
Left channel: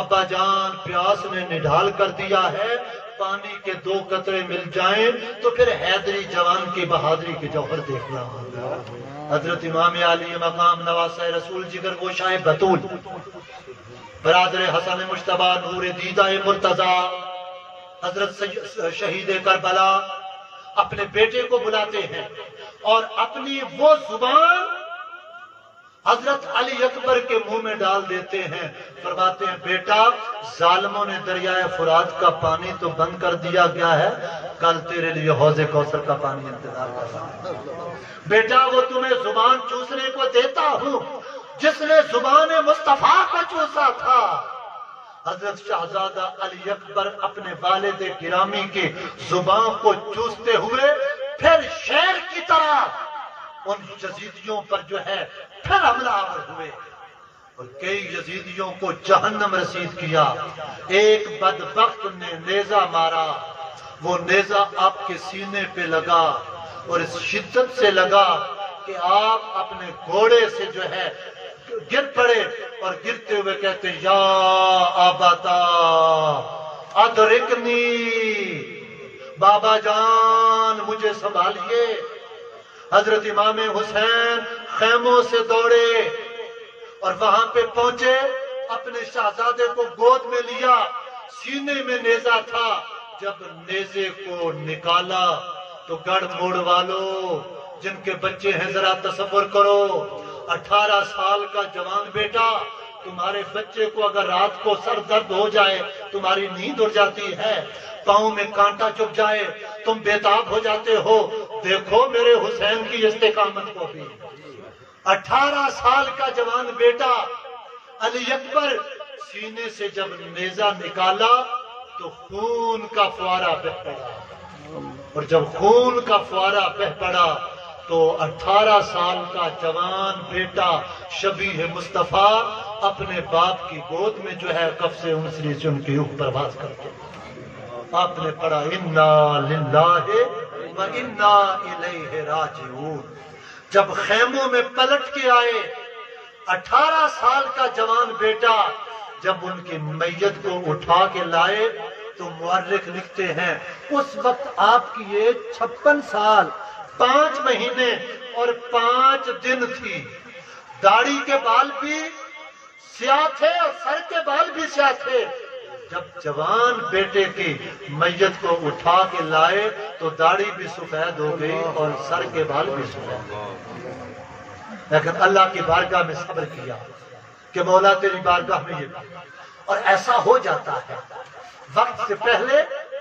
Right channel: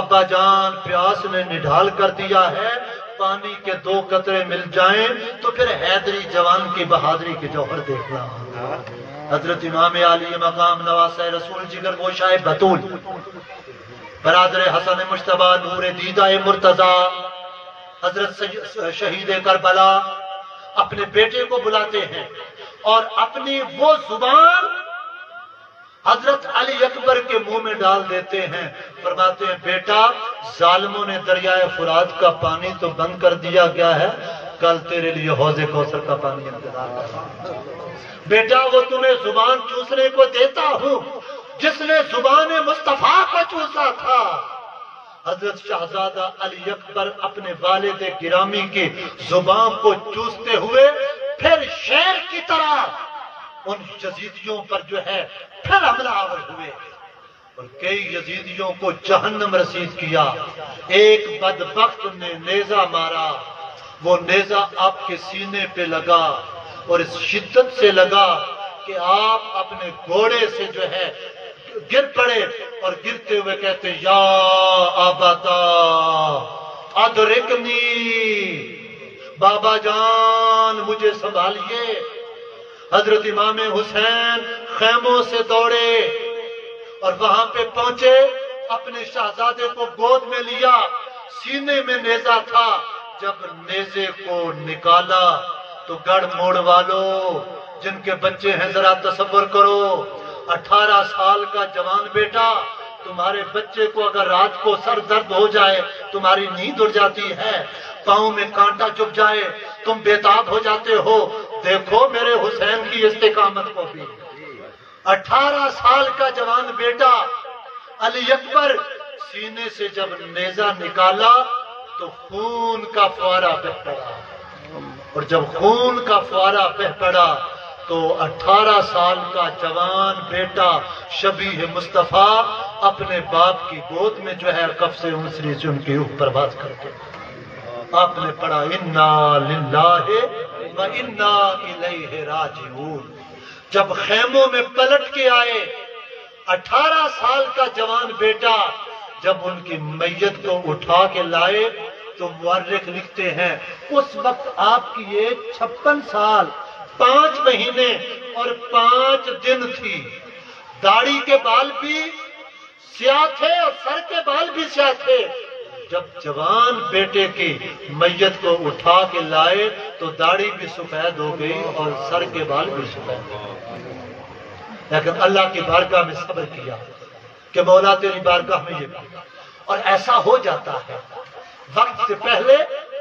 ابا جان پیاس نے نڈھال کر دیا ہے، پانی کے 2 قطرے مل جائیں تو پھر حیدری جوان کی بہادری کے جوہر دیکھنا ہوگا۔ حضرت امام علی مقام نواسہ رسول جگر گوشائے بطول برادر حسن مجتبیٰ نور دیدہ مرتضیٰ حضرت شہید کربلا اپنے بیٹے کو بلاتے ہیں اور اپنی وہ زبان حضرت علی اکبر کے منہ میں ڈال دیتے ہیں، فرماتے ہیں بیٹا ظالموں نے دریائے فرات کا پانی تو بند کر دیا گیا ہے، کل تیرے لیے حوض کوثر کا پانی انتظار کر رہا ہے۔ بیٹا وہ تمہیں زبان چوسنے کو دیتا ہوں جس نے زبان مصطفیٰ کو چوسا تھا۔ حضرت شہزادہ علی اکبر اپنے والد گرامی کی زبان کو چوستے ہوئے پھر شیر کی طرح ان یزیدیوں پر جو ہے پھر حملہ آور ہوئے اور کئی یزیدیوں کو جہنم رسید کیا۔ ایک بدبخت نے نیزہ مارا، وہ نیزہ آپ کے سینے پہ لگا اور اس شدت سے لگا کہ آپ اپنے گھوڑے سے جو ہے گر پڑے اور گرتے ہوئے کہتے ہیں یا آباتا ادرکنی، بابا جان مجھے سنبھالیے۔ حضرت امام حسین خیموں سے دوڑے اور وہاں پہ پہنچے، اپنے شہزادے کو گود میں لیا، سینے میں نیزہ تھا، جب نیزے کو نکالا تو گڑھ موڑ والوں جن کے بچے ہیں ذرا تصور کرو، 18 سال کا جوان بیٹا، تمہارے بچے کو اگر رات کو سر درد ہو جائے تمہاری نیند اڑ جاتی ہے، پاؤں میں کانٹا چبھ جائے تم بےتاب ہو جاتے ہو، دیکھو میرے حسین کی استقامت کو بھی۔ 18 سال کا جوان بیٹا علی اکبر سینے سے جب نیزہ نکالا تو خون کا فوارہ بہہ پڑا، اور جب خون کا فوارہ بہہ پڑا تو 18 سال کا جوان بیٹا شبیہ مصطفیٰ اپنے باپ کی گود میں جو ہے کف سے انسری سے ان کی روح پرواز کرتے آپ نے پڑھا انا للہ و انا الیہ راجعون۔ جب خیموں میں پلٹ کے آئے 18 سال کا جوان بیٹا، جب ان کی میت کو اٹھا کے لائے تو مورخ لکھتے ہیں اس وقت آپ کی ایج 56 سال 5 مہینے اور 5 دن تھی، داڑھی کے بال بھی سیاہ تھے اور سر کے بال بھی سیاہ تھے۔ جب جوان بیٹے کی میت کو اٹھا کے لائے تو داڑھی بھی سفید ہو گئی اور سر کے بال بھی سفید ہو گئے، لیکن اللہ کی بارگاہ میں صبر کیا کہ مولا تیری بارگاہ میں یہ بھی، اور ایسا ہو جاتا ہے وقت سے پہلے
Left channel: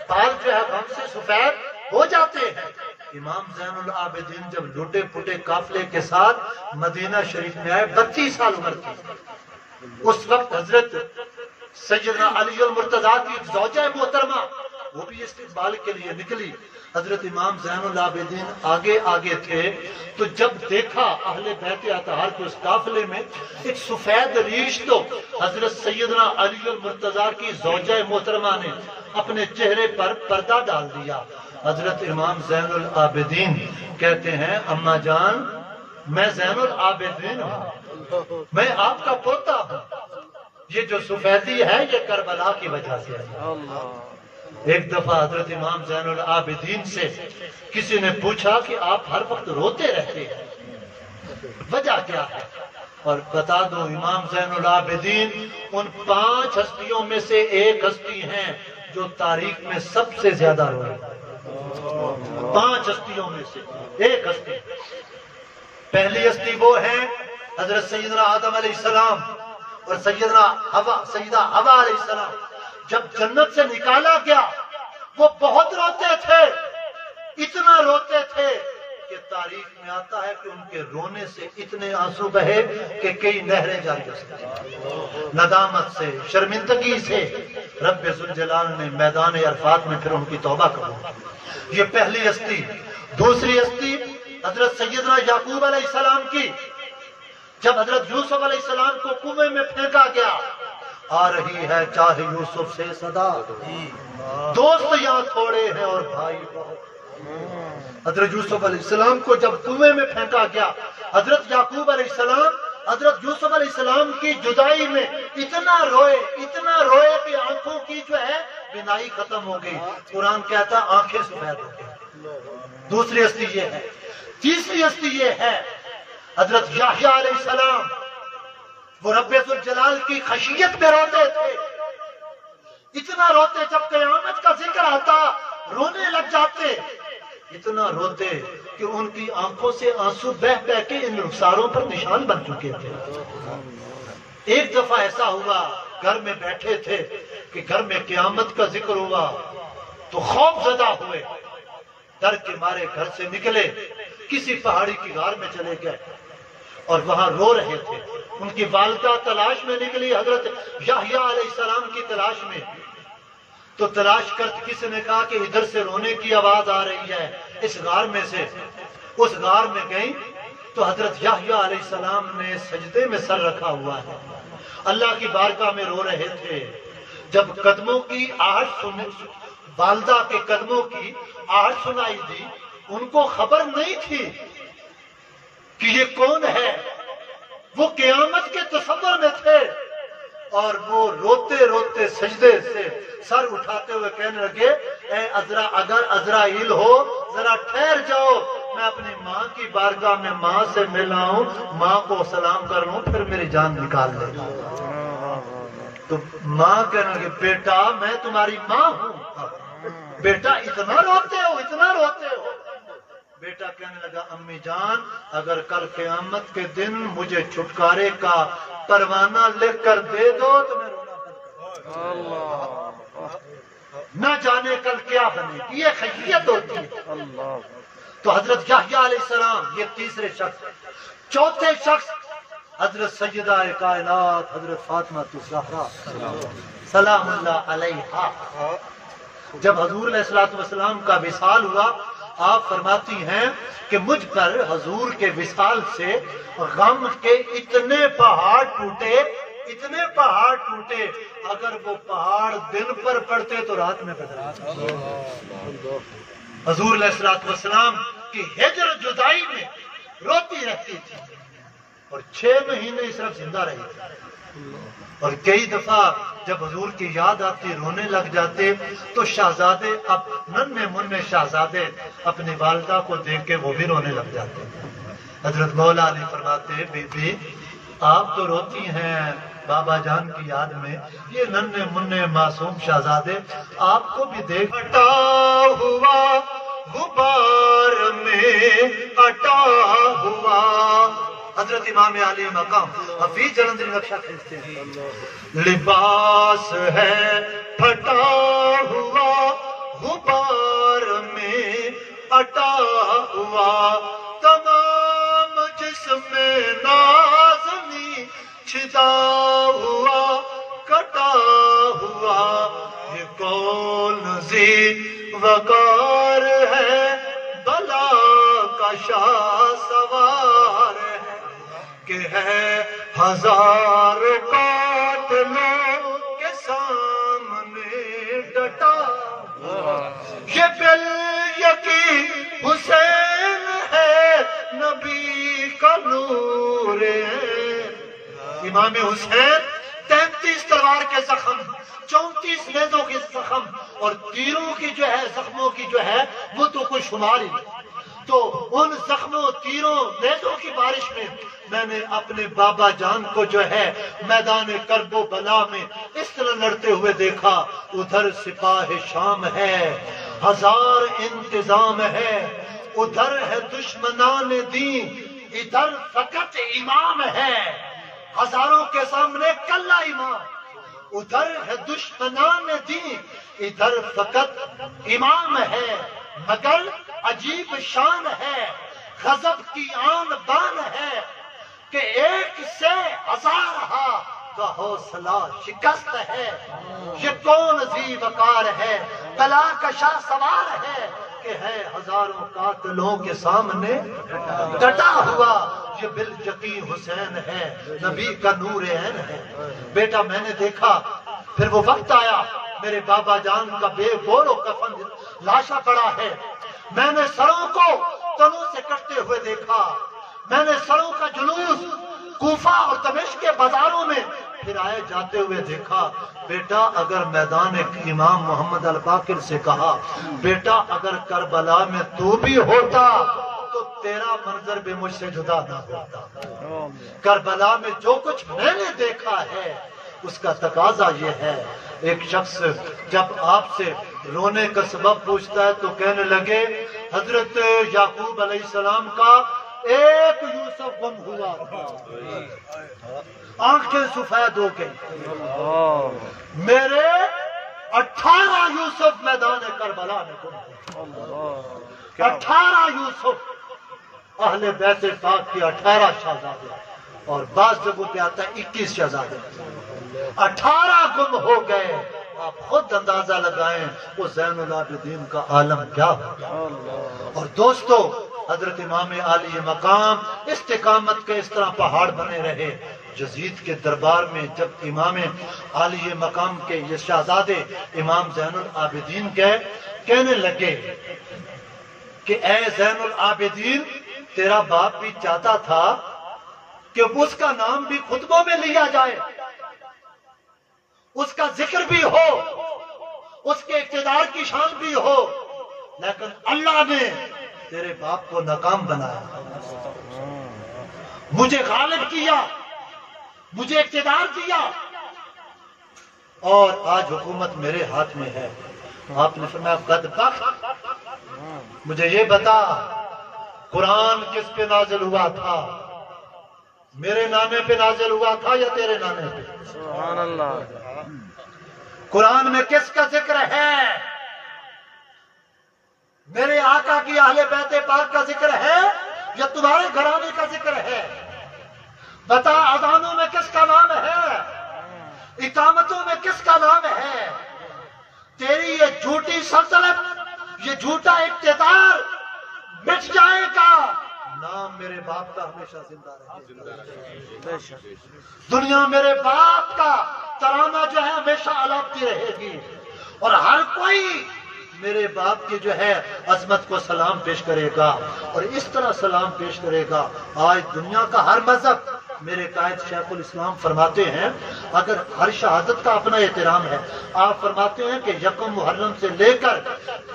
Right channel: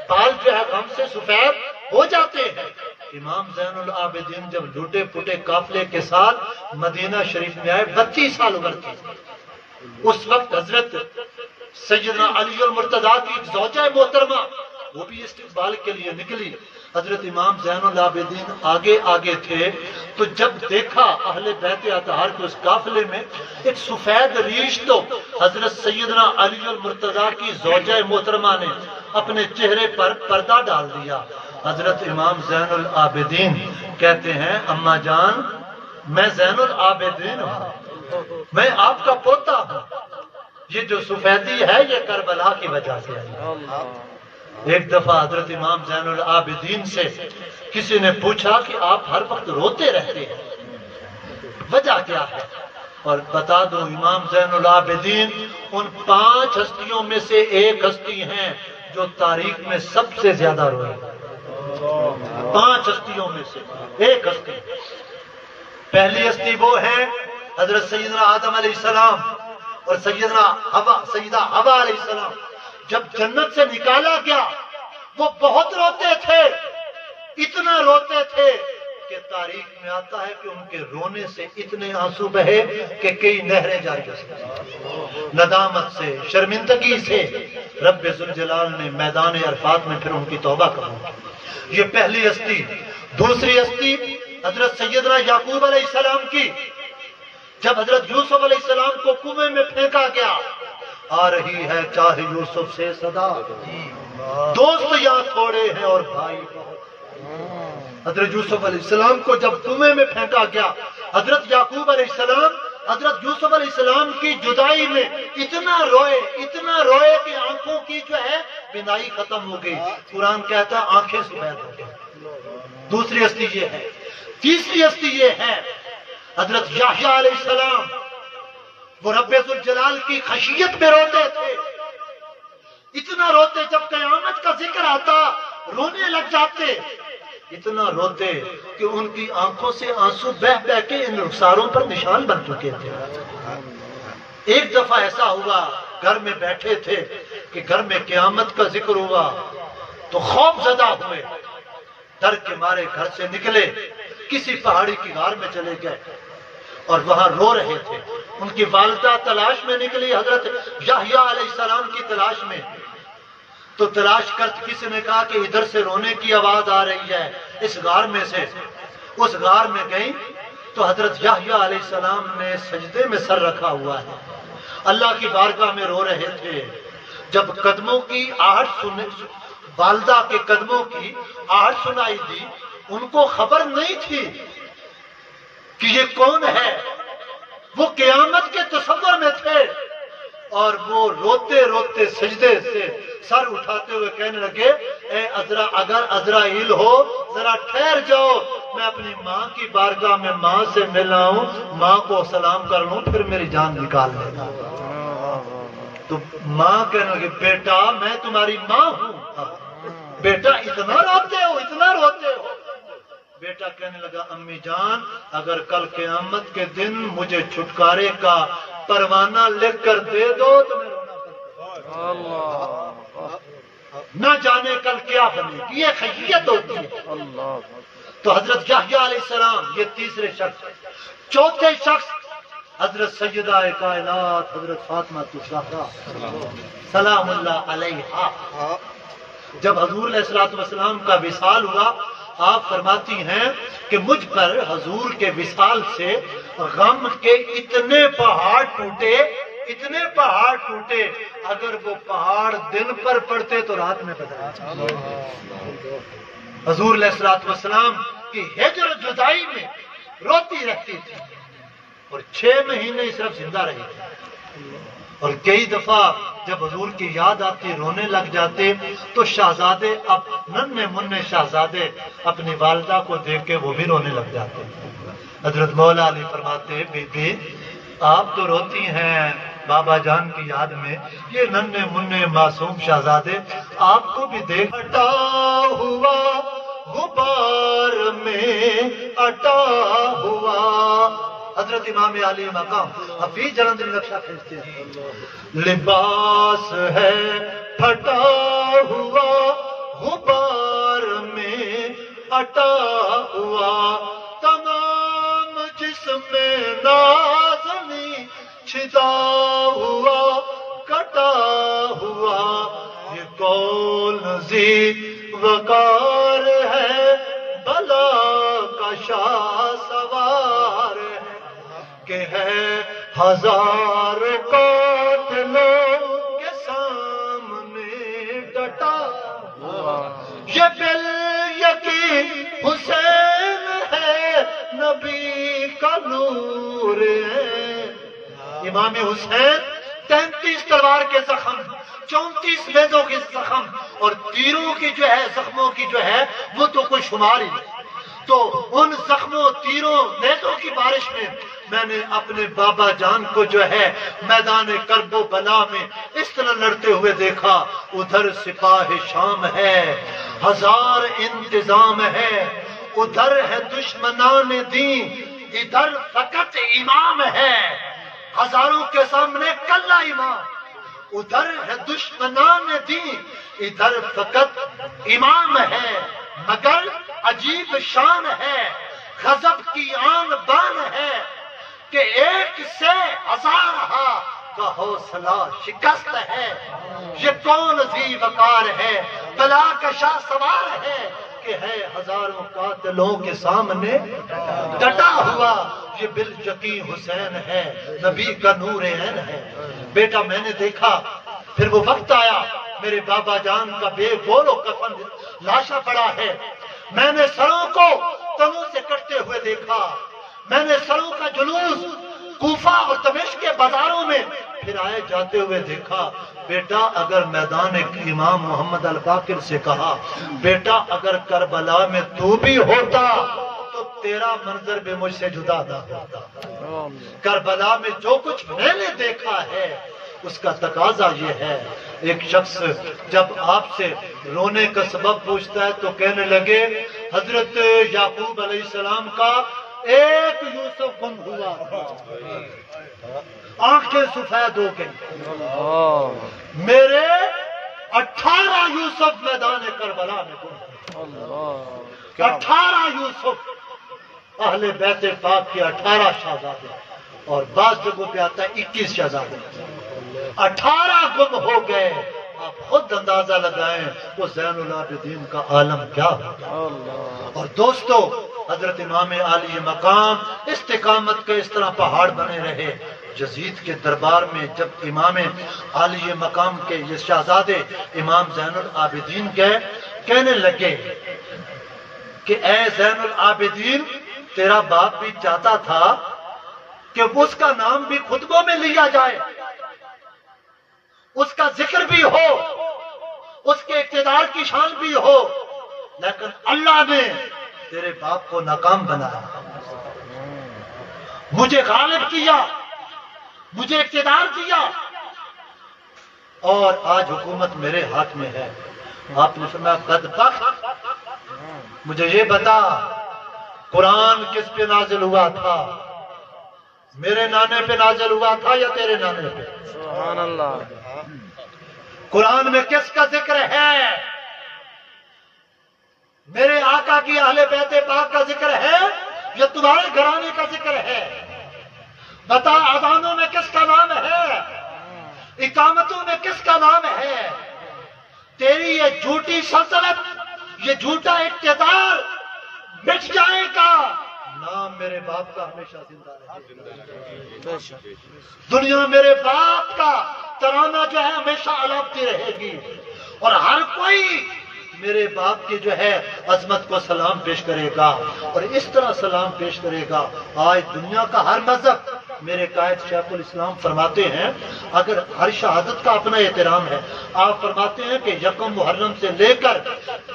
بال جو ہے ہم سے سفید ہو جاتے ہیں۔ امام زین العابدین جب لوٹے پھوٹے قافلے کے ساتھ مدینہ شریف میں آئے 32 سال عمر تھی، اس وقت حضرت سیدنا علی المرتضیٰ کی زوجہ محترمہ وہ بھی استقبال کے لیے نکلی. حضرت امام زین العابدین آگے آگے تھے تو جب دیکھا اہل بیت اطہار کے اس قافلے میں ایک سفید ریش تو حضرت سیدنا علی المرتضیٰ کی زوجہ محترمہ نے اپنے چہرے پر پردہ ڈال دیا. حضرت امام زین العابدین کہتے ہیں اماں جان میں زین العابدین ہوں, میں آپ کا پوتا ہوں, یہ جو سفیدی ہے یہ کربلا کی وجہ سے ہے. ایک دفعہ حضرت امام زین العابدین سے کسی نے پوچھا کہ آپ ہر وقت روتے رہتے ہیں, وجہ کیا ہے؟ اور بتا دو امام زین العابدین ان 5 ہستیوں میں سے ایک ہستی ہیں جو تاریخ میں سب سے زیادہ روئی. 5 ہستیوں میں سے ایک ہستی. پہلی ہستی وہ ہے حضرت سیدنا آدم علیہ السلام اور سیدہ حوا علیہ السلام. جب جنت سے نکالا گیا وہ بہت روتے تھے, اتنا روتے تھے کہ تاریخ میں آتا ہے کہ ان کے رونے سے اتنے آنسو بہے کہ کئی نہریں جاری ہو سکتی. ندامت سے, شرمندگی سے رب ذوالجلال نے میدان عرفات میں پھر ان کی توبہ قبول کی. یہ پہلی ہستی. دوسری ہستی حضرت سیدنا یعقوب علیہ السلام کی. جب حضرت یوسف علیہ السلام کو کنویں میں پھینکا گیا, آ رہی ہے چاہے یوسف سے صدا, دوست یہاں تھوڑے ہیں اور بھائی بہت. حضرت یوسف علیہ السلام کو جب کنویں میں پھینکا گیا, حضرت یعقوب علیہ السلام حضرت یوسف علیہ السلام کی جدائی میں اتنا روئے کہ آنکھوں کی جو ہے بینائی ختم ہو گئی. قرآن کہتا آنکھیں سفید ہو گئی. دوسری ہستی یہ ہے. تیسری ہستی یہ ہے حضرت یحییٰ علیہ السلام. وہ رب ذوالجلال کی خشیت میں روتے تھے, اتنا روتے جب قیامت کا ذکر آتا رونے لگ جاتے, اتنا روتے کہ ان کی آنکھوں سے آنسو بہ بہ کے ان رخساروں پر نشان بن چکے تھے. ایک دفعہ ایسا ہوا گھر میں بیٹھے تھے کہ گھر میں قیامت کا ذکر ہوا تو خوف زدہ ہوئے, ڈر کے مارے گھر سے نکلے, کسی پہاڑی کی غار میں چلے گئے اور وہاں رو رہے تھے. ان کی والدہ تلاش میں نکلی حضرت یحییٰ علیہ السلام کی تلاش میں. تو تلاش کرتے کسی نے کہا کہ ادھر سے رونے کی آواز آ رہی ہے اس غار میں سے. اس غار میں گئی تو حضرت یحییٰ علیہ السلام نے سجدے میں سر رکھا ہوا ہے, اللہ کی بارگاہ میں رو رہے تھے. جب قدموں کی آہٹ والدہ کے قدموں کی آہٹ سنائی دی, ان کو خبر نہیں تھی کہ یہ کون ہے. وہ قیامت کے تصور میں تھے اور وہ روتے روتے سجدے سے سر اٹھاتے ہوئے کہنے لگے اے عذرا, اگر عزرائیل ہو ذرا ٹھہر جاؤ, میں اپنی ماں کی بارگاہ میں ماں سے ملا ہوں, ماں کو سلام کر لوں پھر میری جان نکال لینا. تو ماں کہنے لگے بیٹا میں تمہاری ماں ہوں. بیٹا اتنا روتے ہو, اتنا روتے ہو. بیٹا کہنے لگا امی جان اگر کل قیامت کے دن مجھے چھٹکارے کا پروانہ لکھ کر دے دو تو میں رونا بند کر دوں. نہ جانے کل کیا بنے گی, یہ خیریت ہوتی ہے. تو حضرت یحییٰ علیہ السلام یہ تیسرے شخص. چوتھے شخص حضرت سیدہ کائنات حضرت فاطمہ الزہرا سلام اللہ علیہا. جب حضور علیہ السلام کا وصال ہوا آپ فرماتی ہیں کہ مجھ پر حضور کے وصال سے غم کے اتنے پہاڑ ٹوٹے, اگر وہ پہاڑ دن پر پڑتے تو رات میں بدل جاتے. حضور علیہ السلام کی ہجر جدائی میں روتی رہتی تھی اور 6 مہینے صرف زندہ رہی تھی. اور کئی دفعہ جب حضور کی یاد آتی رونے لگ جاتے تو شہزادے, اب ننھے منھے شہزادے اپنی والدہ کو دیکھ کے وہ بھی رونے لگ جاتے. حضرت مولا علی فرماتے بی بی آپ تو روتی ہیں بابا جان کی یاد میں, یہ ننھے منھے معصوم شہزادے آپ کو بھی دیکھ. اٹا ہوا غبار میں اٹا ہوا. حضرت امام علی مقام حفیظ جلندری نقشہ کھینچتے ہیں. لباس ہے پھٹا ہوا غبار میں اٹا ہوا, تمام جسم نازنی چھدا ہوا کٹا ہوا. یہ کون زی وقار ہے، بلا کا شاہ سوار ہے، کہ ہے ہزار قاتلوں کے سامنے ڈٹا، یہ بال یقین حسین ہے، نبی کا نور ہے۔ امام حسین 33 تلوار کے زخم، 34 نیزوں کے زخم اور تیروں کی جو ہے، زخموں کی جو ہے وہ تو کوئی شمار ہی نہیں۔ تو ان زخموں، تیروں، نیزوں کی بارش میں نے اپنے بابا جان کو جو ہے میدان کرب و بلا میں اس طرح لڑتے ہوئے دیکھا۔ ادھر سپاہ شام ہے، ہزار انتظام ہے، ادھر ہے دشمنان دین، ادھر فقط امام ہے، ہزاروں کے سامنے کلا امام، ادھر ہے دشمنان دین، ادھر فقط امام ہے، مگر عجیب شان ہے، غضب کی آن بان ہے، کہ ایک سے ہزار کا حوصلہ شکست ہے۔ یہ کون ذی وقار ہے، بلا کا شاہ سوار ہے، کہ ہے ہزاروں قاتلوں کے سامنے ڈٹا ہوا۔ یہ بالجقی حسین ہے، نبی کا نور عین ہے۔ بیٹا میں نے دیکھا، پھر وہ وقت آیا، میرے بابا جان کا بے گول و کفن لاشا پڑا ہے، میں نے سروں کو تنوں سے کٹتے ہوئے دیکھا، میں نے سروں کا جلوس کوفہ اور دمشق کے بازاروں میں پھر آئے جاتے ہوئے دیکھا۔ بیٹا اگر میدان امام محمد الباقر سے کہا، بیٹا اگر کربلا میں تو بھی ہوتا تو تیرا منظر بھی مجھ سے جدا نہ ہوتا۔ کربلا میں جو کچھ میں نے دیکھا ہے اس کا تقاضا یہ ہے۔ ایک شخص جب آپ سے رونے کا سبب پوچھتا ہے تو کہنے لگے، حضرت یعقوب علیہ السلام کا ایک یوسف گم ہوا تھا، آنکھیں سفید ہو گئی، میرے 18 یوسف میدان کربلا میں گم ہوئے۔ 18 یوسف، اہل بیت پاک کے 18 شہزادے، اور بعض جگہوں پہ آتا ہے 21 شہزادے، 18 گم ہو گئے۔ آپ خود اندازہ لگائیں وہ زین العابدین کا عالم کیا ہوگا۔ اور دوستو، حضرت امام عالی مقام استقامت کے اس طرح پہاڑ بنے رہے۔ یزید کے دربار میں جب امام عالی مقام کے یہ شہزادے امام زین العابدین کہنے لگے کہ اے زین العابدین، تیرا باپ بھی چاہتا تھا کہ اس کا نام بھی خطبوں میں لیا جائے، اس کا ذکر بھی ہو، اس کے اقتدار کی شان بھی ہو، لیکن اللہ نے تیرے باپ کو ناکام بنایا، مجھے غالب کیا، مجھے اقتدار دیا، اور آج حکومت میرے ہاتھ میں ہے۔ آپ نے فرمایا بدبخت، مجھے یہ بتا قرآن کس پہ نازل ہوا تھا؟ میرے نانے پہ نازل ہوا تھا یا تیرے نانے پہ؟ سبحان اللہ۔ قرآن میں کس کا ذکر ہے؟ میرے آقا کی اہل بیت پاک کا ذکر ہے یا تمہارے گھرانے کا ذکر ہے؟ بتا، اذانوں میں کس کا نام ہے؟ اقامتوں میں کس کا نام ہے؟ تیری یہ جھوٹی سلطنت، یہ جھوٹا اقتدار مٹ جائے گا، نام میرے باپ کا ہمیشہ زندہ رہے گا، دنیا میرے باپ کا ترانہ جو ہے ہمیشہ الاپتی رہے گی، اور ہر کوئی میرے باپ کی جو ہے عظمت کو سلام پیش کرے گا، اور اس طرح سلام پیش کرے گا۔ آج دنیا کا ہر مذہب، میرے قائد شیخ الاسلام فرماتے ہیں، اگر ہر شہادت کا اپنا احترام ہے، آپ فرماتے ہیں کہ یکم محرم سے لے کر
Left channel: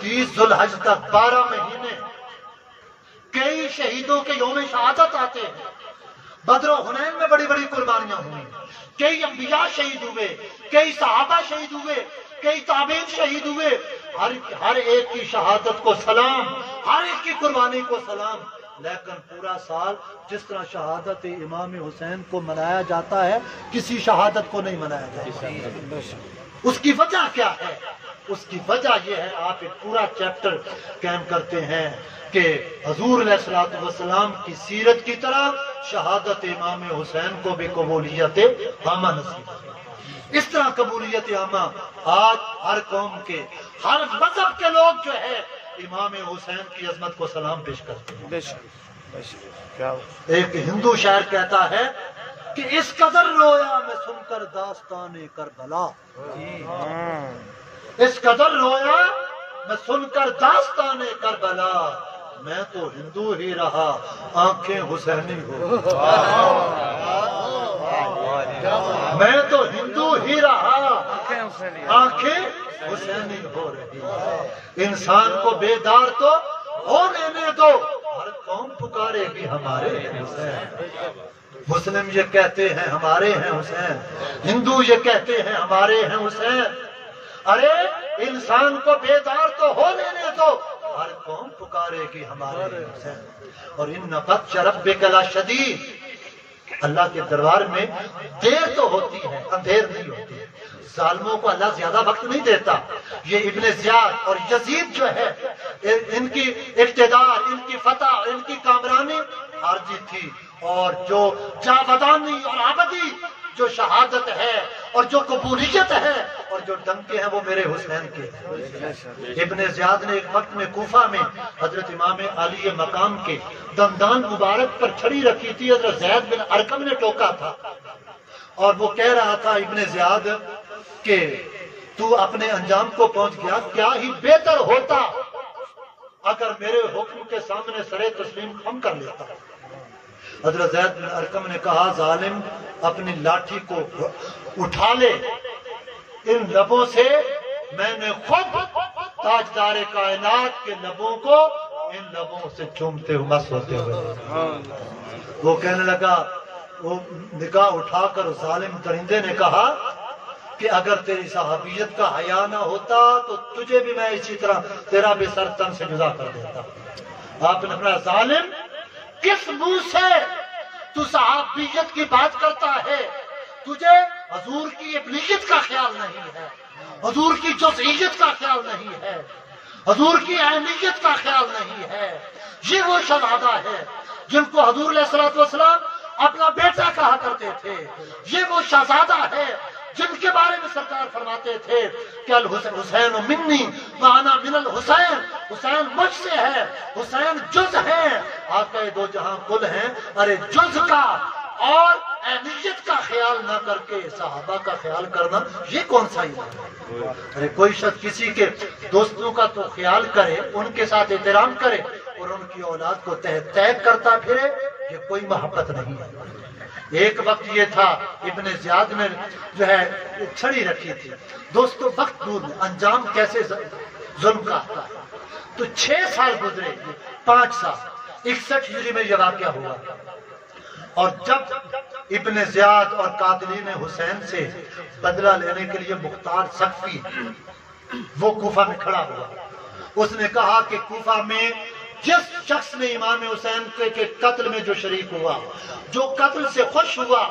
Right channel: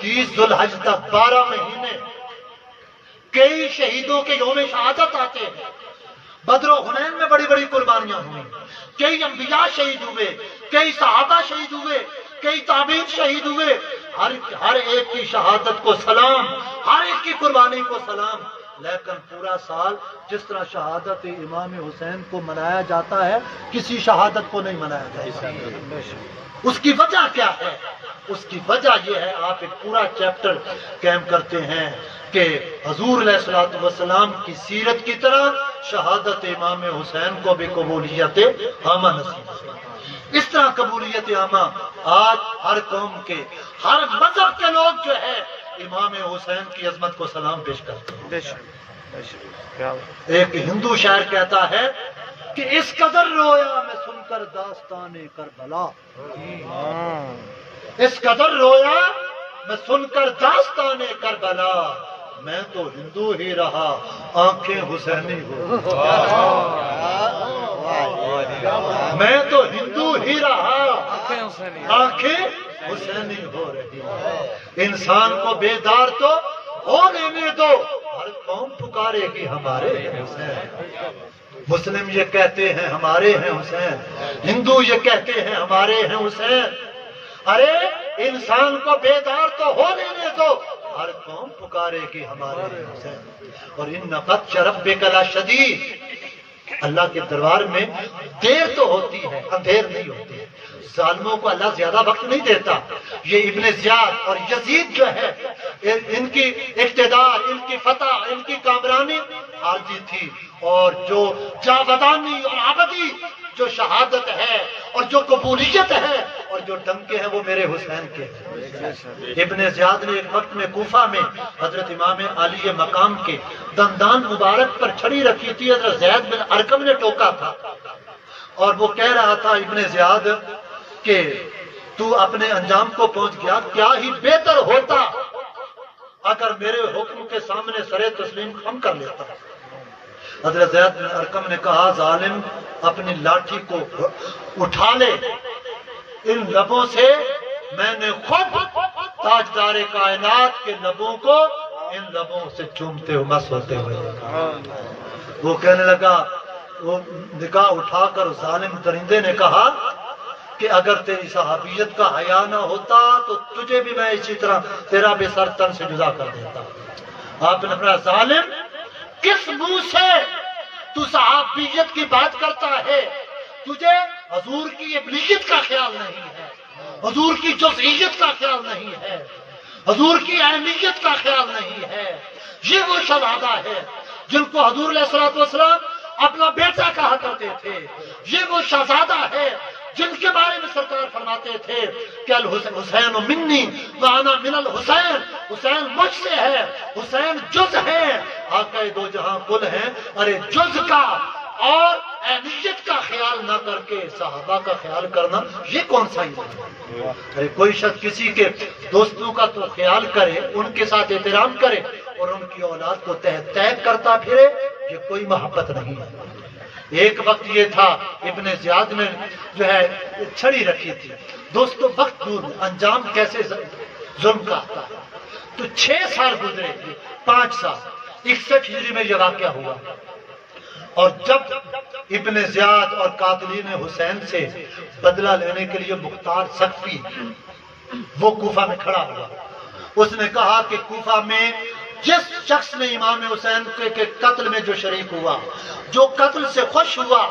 30 ذوالحج تک 12 مہینے کئی شہیدوں کے یوم شہادت آتے ہیں۔ بدر و حنین میں بڑی بڑی قربانیاں ہوئی، کئی انبیاء شہید ہوئے، کئی صحابہ شہید ہوئے، کئی تابعین شہید ہوئے، ہر ایک کی شہادت کو سلام، ہر ایک کی قربانی کو سلام، لیکن پورا سال جس طرح شہادت امام حسین کو منایا جاتا ہے، کسی شہادت کو نہیں منایا جاتا۔ اس کی وجہ کیا ہے؟ اس کی وجہ یہ ہے، آپ ایک پورا چیپٹر قائم کرتے ہیں کہ حضور علیہ الصلوۃ والسلام کی سیرت کی طرح شہادت امام حسین کو بھی قبولیت عامہ نصیب ہے۔ اس طرح قبولیت عامہ آج ہر قوم کے ہر مذہب کے لوگ جو ہے امام حسین کی عظمت کو سلام پیش کرتے ہیں۔ بے شک بے شک کیا ایک ہندو شاعر کہتا ہے کہ اس قدر رویا میں سن کر داستان کربلا، اس قدر رویا میں سن کر داستان کربلا، میں تو ہندو ہی رہا آنکھیں حسینی ہو، میں تو ہندو ہی رہا آنکھیں حسینی آنکھیں حسینی ہو رہی، انسان کو بیدار تو ہو لینے دو، ہر قوم پکارے گی ہمارے ہیں حسین، مسلم یہ کہتے ہیں ہمارے ہیں حسین، ہندو یہ کہتے ہیں ہمارے ہیں حسین، ارے انسان کو بیدار تو ہو لینے دو، ہر قوم پکارے گی ہمارے ہیں حسین۔ اور ان بطش ربک لشدید، اللہ کے دربار میں دیر تو ہوتی ہے، اندھیر نہیں ہوتی ہے، ظالموں کو اللہ زیادہ وقت نہیں دیتا۔ یہ ابن زیاد اور یزید جو ہے ان کی اقتدار، ان کی فتح، ان کی کامرانی عارضی تھی، اور جو جاودانی اور ابدی جو شہادت ہے اور جو قبولیت ہے اور جو ڈنکے ہیں وہ میرے حسین کے ہیں۔ ابن زیاد نے ایک وقت میں کوفہ میں حضرت امام علی مقام کے دندان مبارک پر چھڑی رکھی تھی، حضرت زید بن ارقم نے ٹوکا تھا، اور وہ کہہ رہا تھا ابن زیاد کہ تو اپنے انجام کو پہنچ گیا، کیا ہی بہتر ہوتا اگر میرے حکم کے سامنے سر تسلیم خم کر لیتا۔ حضرت زید بن ارقم نے کہا ظالم اپنی لاٹھی کو اٹھا لے، ان لبوں سے میں نے خود تاجدار کائنات کے لبوں کو ان لبوں سے چومتے ہوئے مست ہوتے ہوئے دیکھا۔ وہ کہنے لگا، وہ نگاہ اٹھا کر ظالم درندے نے کہا کہ اگر تیری صحابیت کا حیا نہ ہوتا تو تجھے بھی میں اسی طرح تیرا بھی سر تن سے جدا کر دیتا۔ آپ نے اپنا ظالم کس منہ سے تو صحابیت کی بات کرتا ہے؟ تجھے حضور کی ابنیت کا خیال نہیں ہے، حضور کی جزئیت کا خیال نہیں ہے، حضور کی اہمیت کا خیال نہیں ہے۔ یہ وہ شہزادہ ہے جن کو حضور علیہ الصلوۃ والسلام اپنا بیٹا کہا کرتے تھے، یہ وہ شہزادہ ہے جن کے بارے میں سرکار فرماتے تھے کہ الحسین منی وانا من الحسین، حسین مجھ سے ہے، حسین جز ہے، آقا دو جہاں کل ہیں۔ ارے جز کا اور اہمیت کا خیال نہ کر کے صحابہ کا خیال کرنا یہ کون سا ایمان ہے؟ ارے کوئی شخص کسی کے دوستوں کا تو خیال کرے، ان کے ساتھ احترام کرے اور ان کی اولاد کو تحقیق کرتا پھرے، یہ کوئی محبت نہیں ہے۔ ایک وقت یہ تھا ابن زیاد نے جو ہے چھڑی رکھی تھی، دوستو وقت دور انجام کیسے ظلم کا آتا ہے، تو 6 سال گزرے، 5 سال 61 ہجری میں یہ واقعہ ہوا، اور جب ابن زیاد اور قاتلین حسین سے بدلہ لینے کے لیے مختار سقفی وہ کوفہ میں کھڑا ہوا، اس نے کہا کہ کوفہ میں جس شخص نے امام حسین کے قتل میں جو شریک ہوا، جو قتل سے خوش ہوا،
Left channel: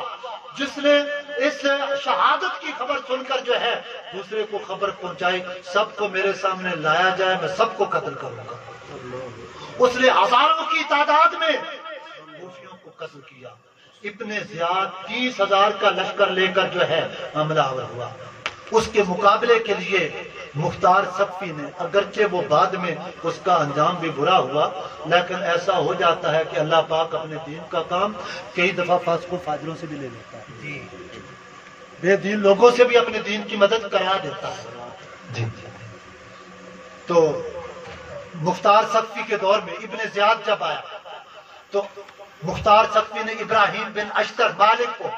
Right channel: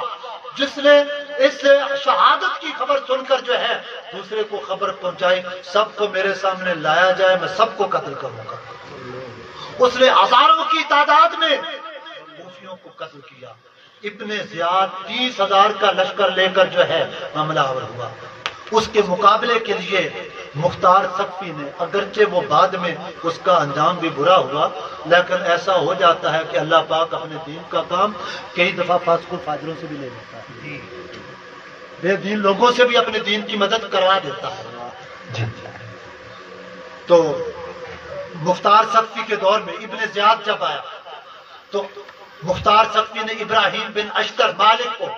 جس نے اس شہادت کی خبر سن کر جو ہے دوسرے کو خبر پہنچائی، سب کو میرے سامنے لایا جائے، میں سب کو قتل کروں گا۔ اس نے ہزاروں کی تعداد میں کوفیوں کو قتل کیا۔ ابن زیاد 30,000 کا لشکر لے کر جو ہے حملہ ہوا، اس کے مقابلے کے لیے مختار سقفی نے، اگرچہ وہ بعد میں اس کا انجام بھی برا ہوا، لیکن ایسا ہو جاتا ہے کہ اللہ پاک اپنے دین کا کام کئی دفعہ فاسق و فاجروں سے بھی لے لیتا ہے، بے دین لوگوں سے بھی اپنے دین کی مدد کروا دیتا ہے۔ تو مختار سقفی کے دور میں ابن زیاد جب آیا تو مختار سقفی نے ابراہیم بن اشتر مالک کو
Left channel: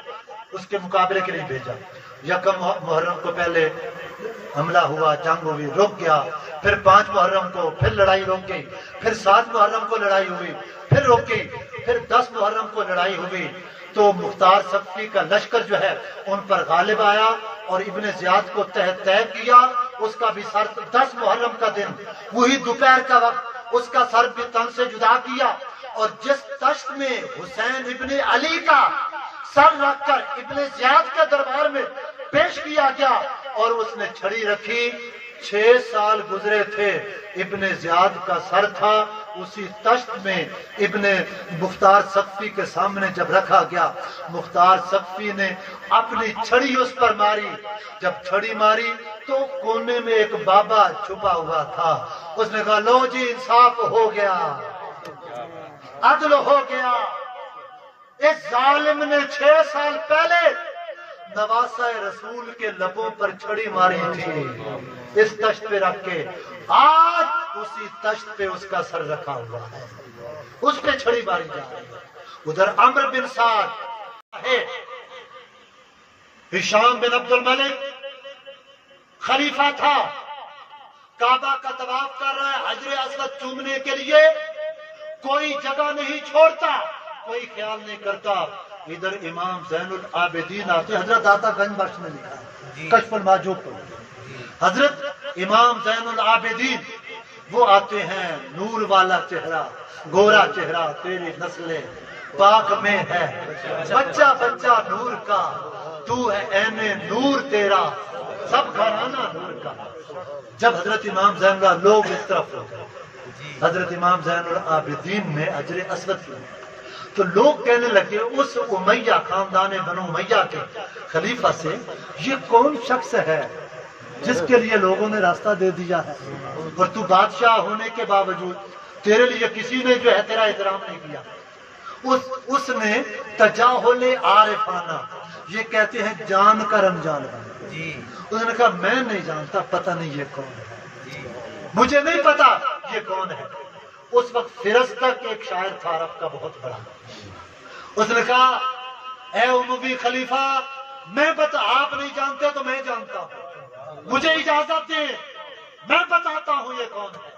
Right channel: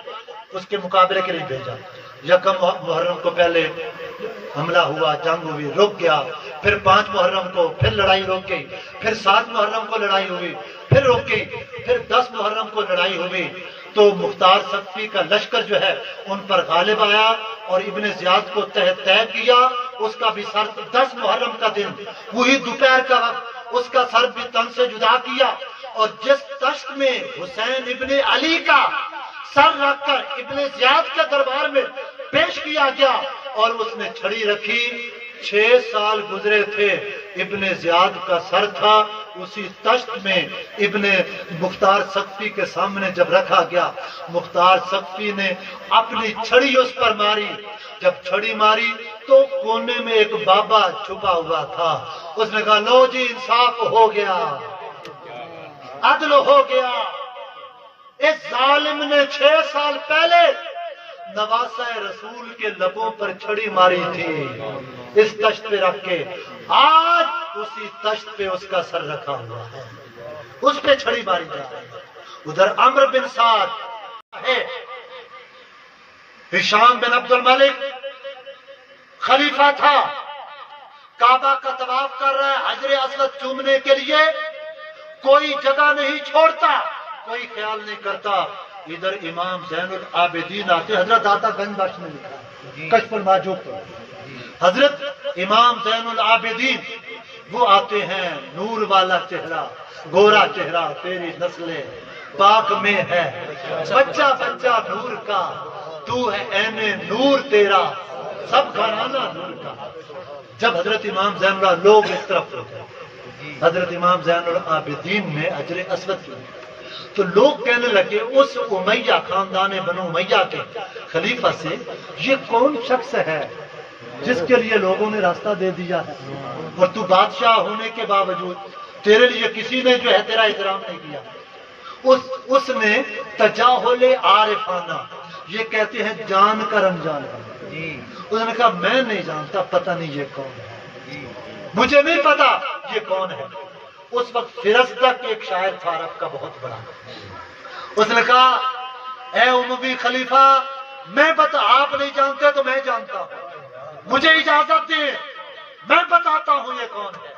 اس کے مقابلے کے لیے بھیجا۔ یکم محرم کو پہلے حملہ ہوا، جنگ ہوئی، رک گیا، پھر 5 محرم کو پھر لڑائی رک گئی، پھر 7 محرم کو لڑائی ہوئی، پھر رک گئی، پھر 10 محرم کو لڑائی ہوئی، تو مختار سقفی کا لشکر جو ہے ان پر غالب آیا اور ابن زیاد کو طے کیا۔ اس کا بھی سر 10 محرم کا دن وہی دوپہر کا وقت اس کا سر بھی تن سے جدا کیا، اور جس تشت میں حسین ابن علی کا سر رکھ کر ابن زیاد کے دربار میں پیش کیا گیا اور اس نے چھڑی رکھی، 6 سال گزرے تھے، ابن زیاد کا سر تھا، اسی تشت میں ابن مختار سقفی کے سامنے جب رکھا گیا، مختار سقفی نے اپنی چھڑی اس پر ماری، جب چھڑی ماری تو کونے میں ایک بابا چھپا ہوا تھا، اس نے کہا لو جی انصاف ہو گیا، عدل ہو گیا، اس ظالم نے 6 سال پہلے نواسہ رسول کے لبوں پر چھڑی ماری تھی، اس تشت پہ رکھ کے، آج اسی تشت پہ اس کا سر رکھا ہوا ہے، اس پہ چھڑی ماری جا رہی ہے۔ ادھر عمرو بن سعد ہے، ہشام بن عبد الملک خلیفہ تھا، کعبہ کا طواف کر رہا ہے، حجر اسود چومنے کے لیے کوئی جگہ نہیں چھوڑتا، کوئی خیال نہیں کرتا۔ ادھر امام زین العابدین آتے، حضرت داتا گنج بخش نے لکھا ہے کشف المحجوب پر، حضرت امام زین العابدین وہ آتے ہیں، نور والا چہرہ، گورا چہرہ، تیری نسل پاک میں ہے، بچہ بچہ نور کا، تو ہے عین نور تیرا، سب گھرانہ نور کا۔ جب حضرت امام زین اللہ لوگ اس طرف ہوتے، حضرت امام زین العابدین نے حجر اسود کیا تو لوگ کہنے لگے اس امیہ خاندان بنو امیہ کے خلیفہ سے یہ کون شخص ہے جس کے لیے لوگوں نے راستہ دے دیا ہے، اور تو بادشاہ ہونے کے باوجود تیرے لیے کسی نے جو ہے تیرا احترام نہیں کیا۔ اس نے تجاہل عارفانہ، یہ کہتے ہیں جان کر انجان کر، اس نے کہا میں نہیں جانتا، پتہ نہیں یہ کون ہے، مجھے نہیں پتا یہ کون ہے۔ اس وقت فرزدق ایک شاعر تھا عرب کا بہت بڑا، اس نے کہا اے اموی خلیفہ میں آپ نہیں جانتے تو میں جانتا ہوں، مجھے اجازت دیں میں بتاتا ہوں یہ کون ہے۔